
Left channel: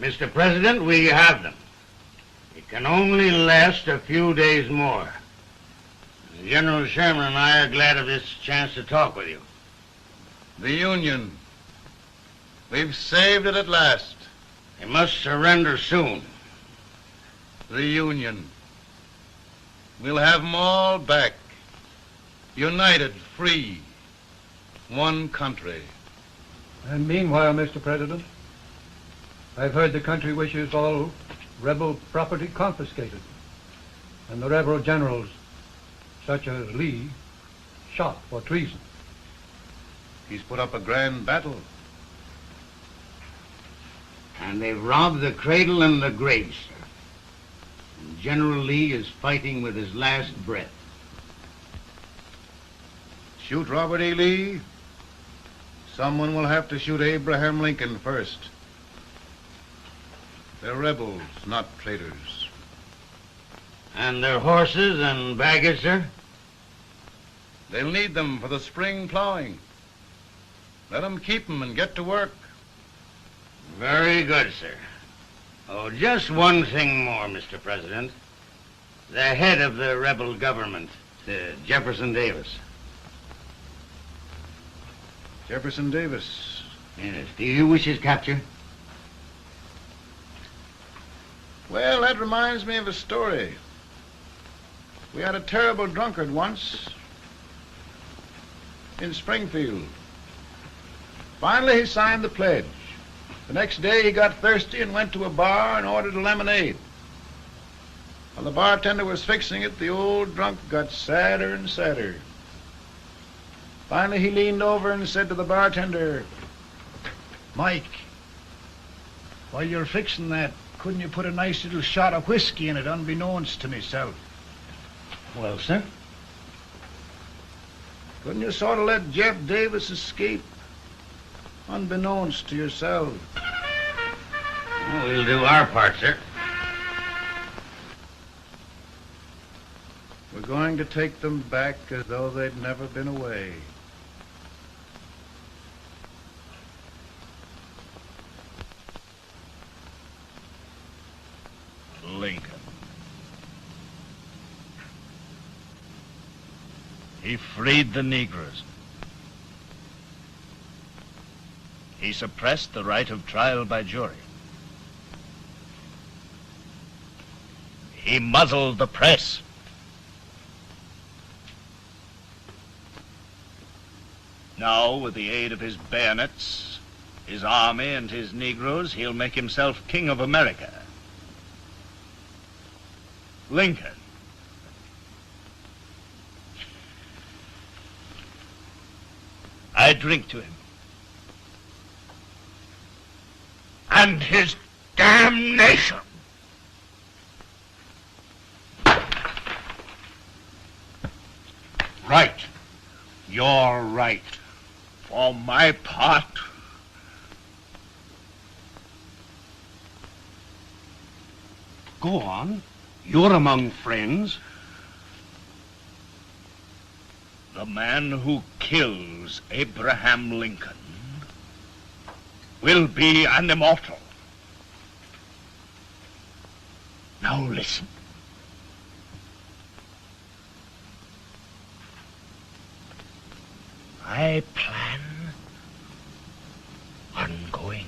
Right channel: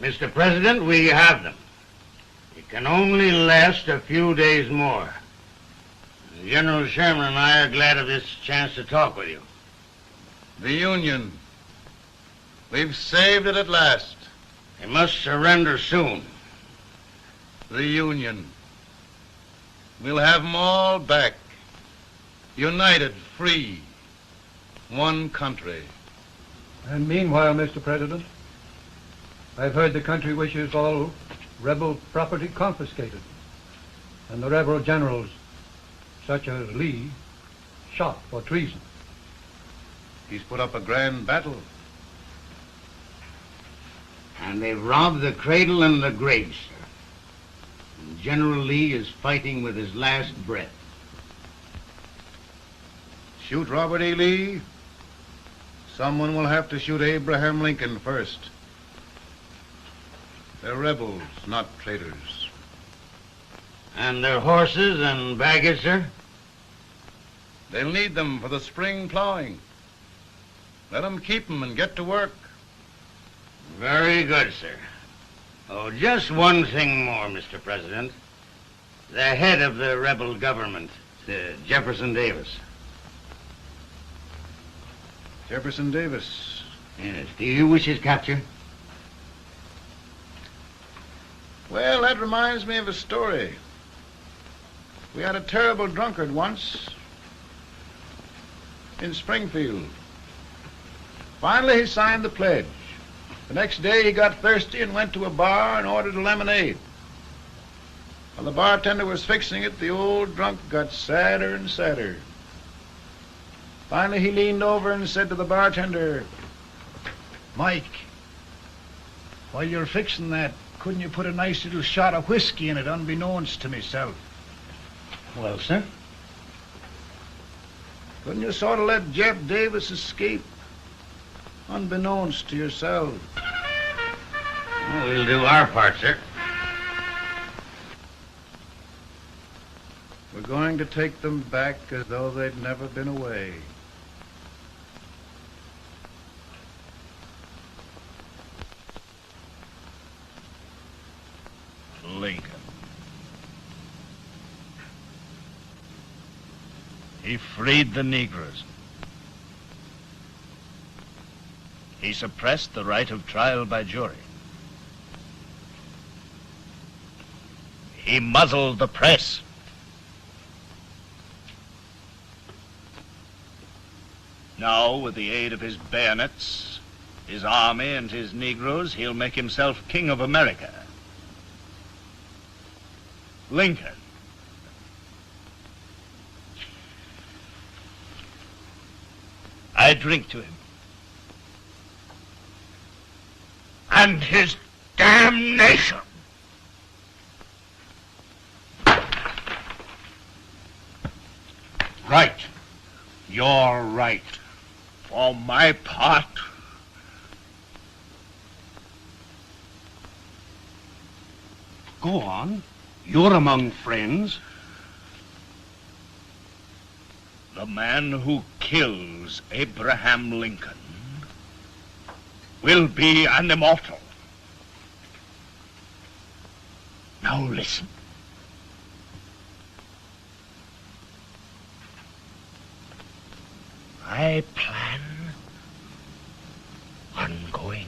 Mr. President, we have them. It can only last a few days more. General Sherman and I are glad of this chance to talk with you. The Union. We've saved it at last. They must surrender soon. The Union. We'll have them all back. United, free. One country. And meanwhile, Mr. President, I've heard the country wishes all rebel property confiscated, and the rebel generals, such as Lee, shot for treason. He's put up a grand battle. And they've robbed the cradle and the grave, sir. And General Lee is fighting with his last breath. Shoot Robert E. Lee? Someone will have to shoot Abraham Lincoln first. They're rebels, not traitors. And their horses and baggage, sir? They'll need them for the spring plowing. Let them keep them and get to work. Very good, sir. Oh, just one thing more, Mr. President. The head of the rebel government, Jefferson Davis. Jefferson Davis? Yes. Do you wish his capture? Well, that reminds me of a story. We had a terrible drunkard once in Springfield. Finally, he signed the pledge. The next day, he got thirsty and went to a bar and ordered a lemonade. While the bartender was fixing it, the old drunk got sadder and sadder. Finally, he leaned over and said to the bartender, "Mike, while you're fixing that, couldn't you put a nice little shot of whiskey in it, unbeknownst to myself?" Well, sir? Couldn't you sort of let Jeff Davis escape, unbeknownst to yourself? Well, we'll do our part, sir. We're going to take them back as though they'd never been away. Lincoln. He freed the Negroes. He suppressed the right of trial by jury. He muzzled the press. Now, with the aid of his bayonets, his army, and his Negroes, he'll make himself king of America. Lincoln. I drink to him. And his damnation. Right. You're right. For my part, Go on. You're among friends. the man who kills Abraham Lincoln will be an immortal. Now listen. I plan on going.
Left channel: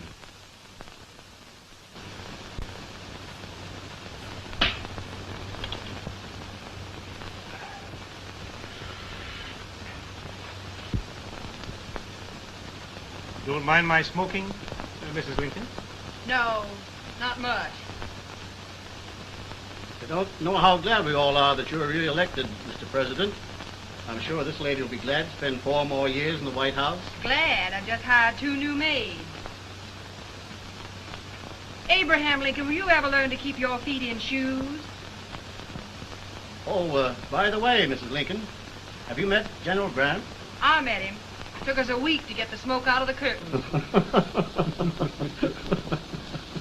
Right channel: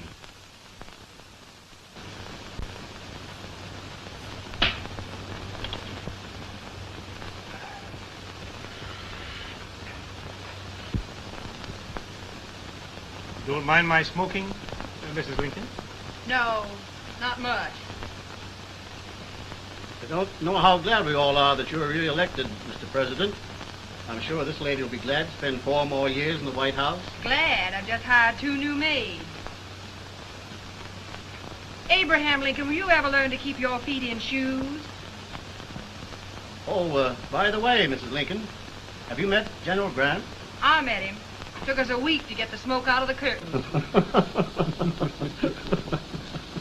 Don't mind my smoking, Mrs. Lincoln? No, not much. I don't know how glad we all are that you're re-elected, Mr. President. I'm sure this lady will be glad to spend 4 more years in the White House. Glad. I just hired 2 new maids. Abraham Lincoln, will you ever learn to keep your feet in shoes? Oh, by the way, Mrs. Lincoln, have you met General Grant? I met him. Took us a week to get the smoke out of the curtain.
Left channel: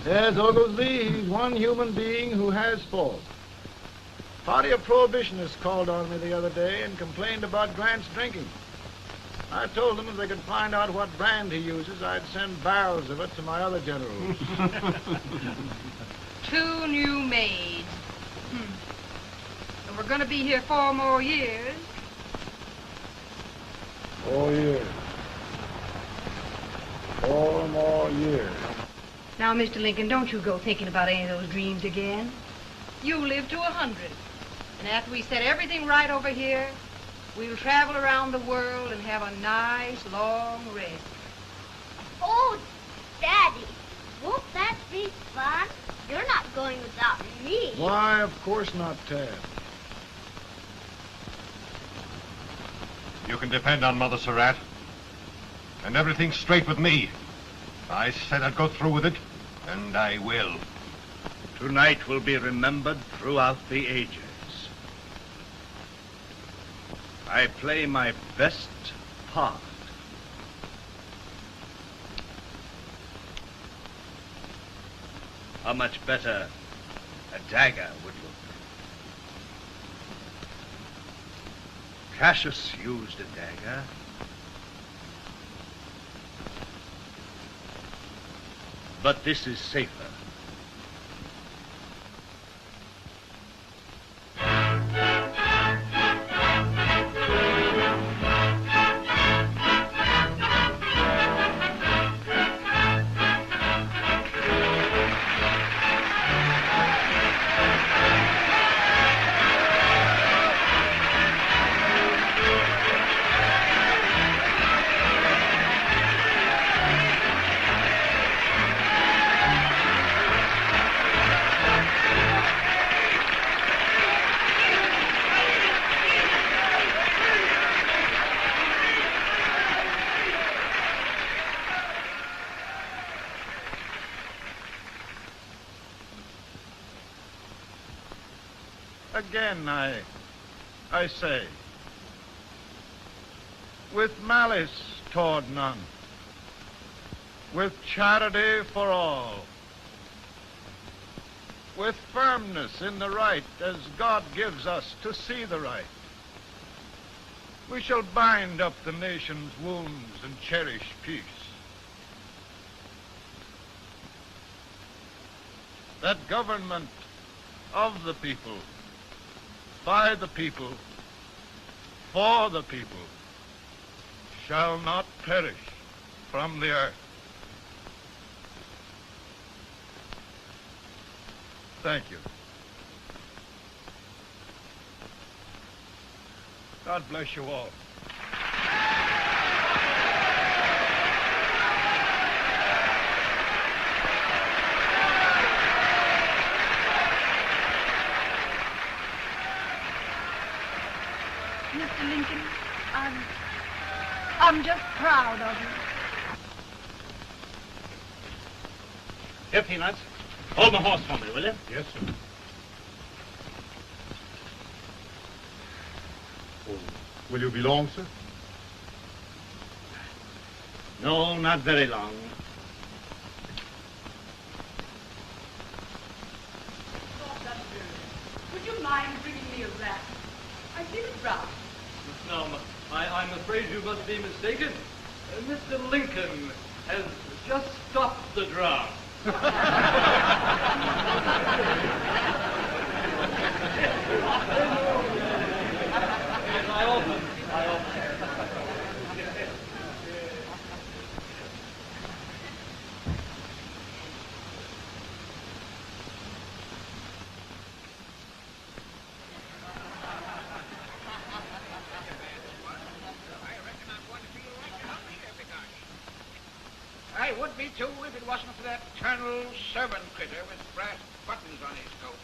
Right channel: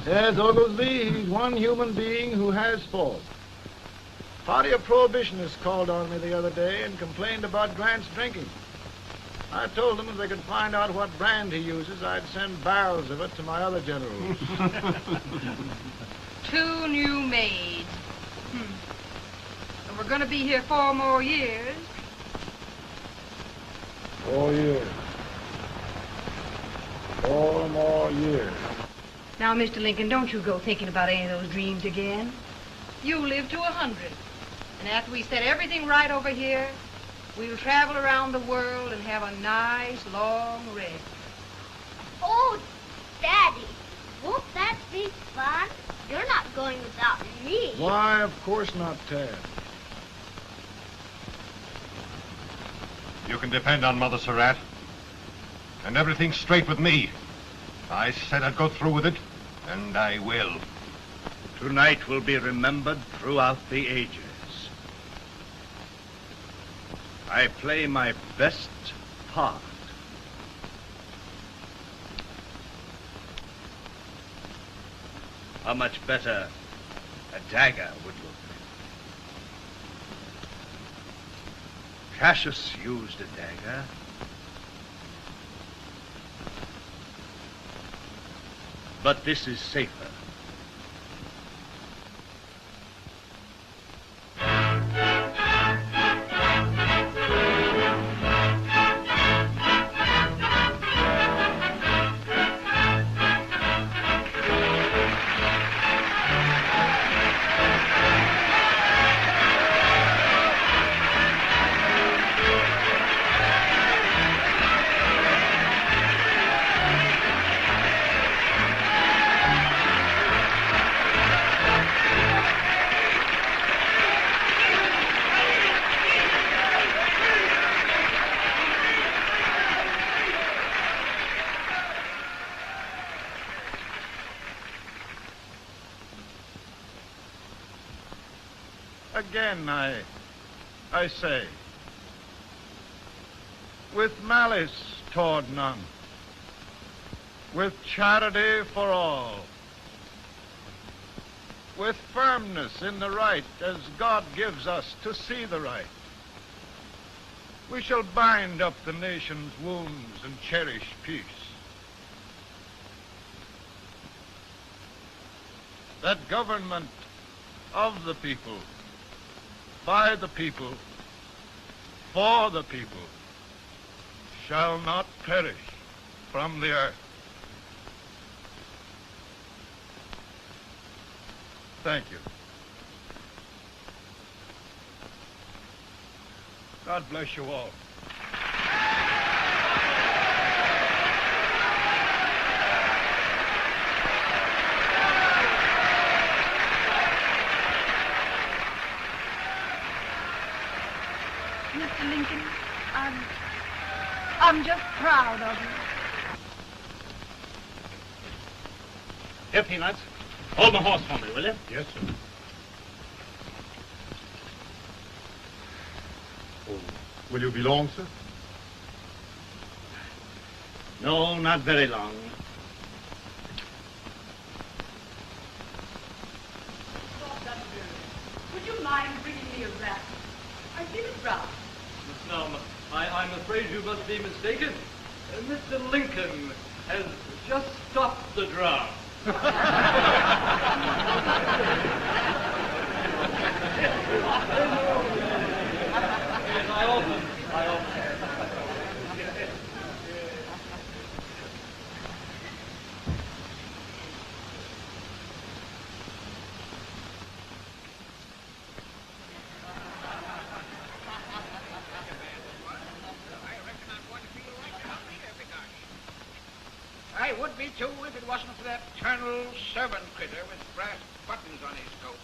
Yes, Oglesby, he's one human being who has faults. Party of Prohibitionists called on me the other day and complained about Grant's drinking. I told them if they could find out what brand he uses, I'd send barrels of it to my other generals. 2 new maids. And we're going to be here 4 more years. 4 years. 4 more years. Now, Mr. Lincoln, don't you go thinking about any of those dreams again. You live to 100. And after we set everything right over here, we'll travel around the world and have a nice, long rest. Oh, Daddy, won't that be fun? You're not going without me. Why, of course not, Tad. You can depend on Mother Surratt. And everything's straight with me. I said I'd go through with it, and I will. Tonight will be remembered throughout the ages. I play my best part. How much better a dagger would look? Cassius used a dagger. But this is safer. Again, I say, with malice toward none, with charity for all, with firmness in the right as God gives us to see the right, we shall bind up the nation's wounds and cherish peace. That government of the people, by the people, for the people, shall not perish from the earth. Thank you. God bless you all. Mr. Lincoln, I'm just proud of you. Here, Peanuts. Hold my horse for me, will you? Yes, sir. Oh, will you be long, sir? No, not very long. Would you mind bringing me a wrap? I see the brown. Now, I'm afraid you must be mistaken. Mr. Lincoln has just stopped the drum. I would be too if it wasn't for that Colonel servant critter with brass buttons on his coat.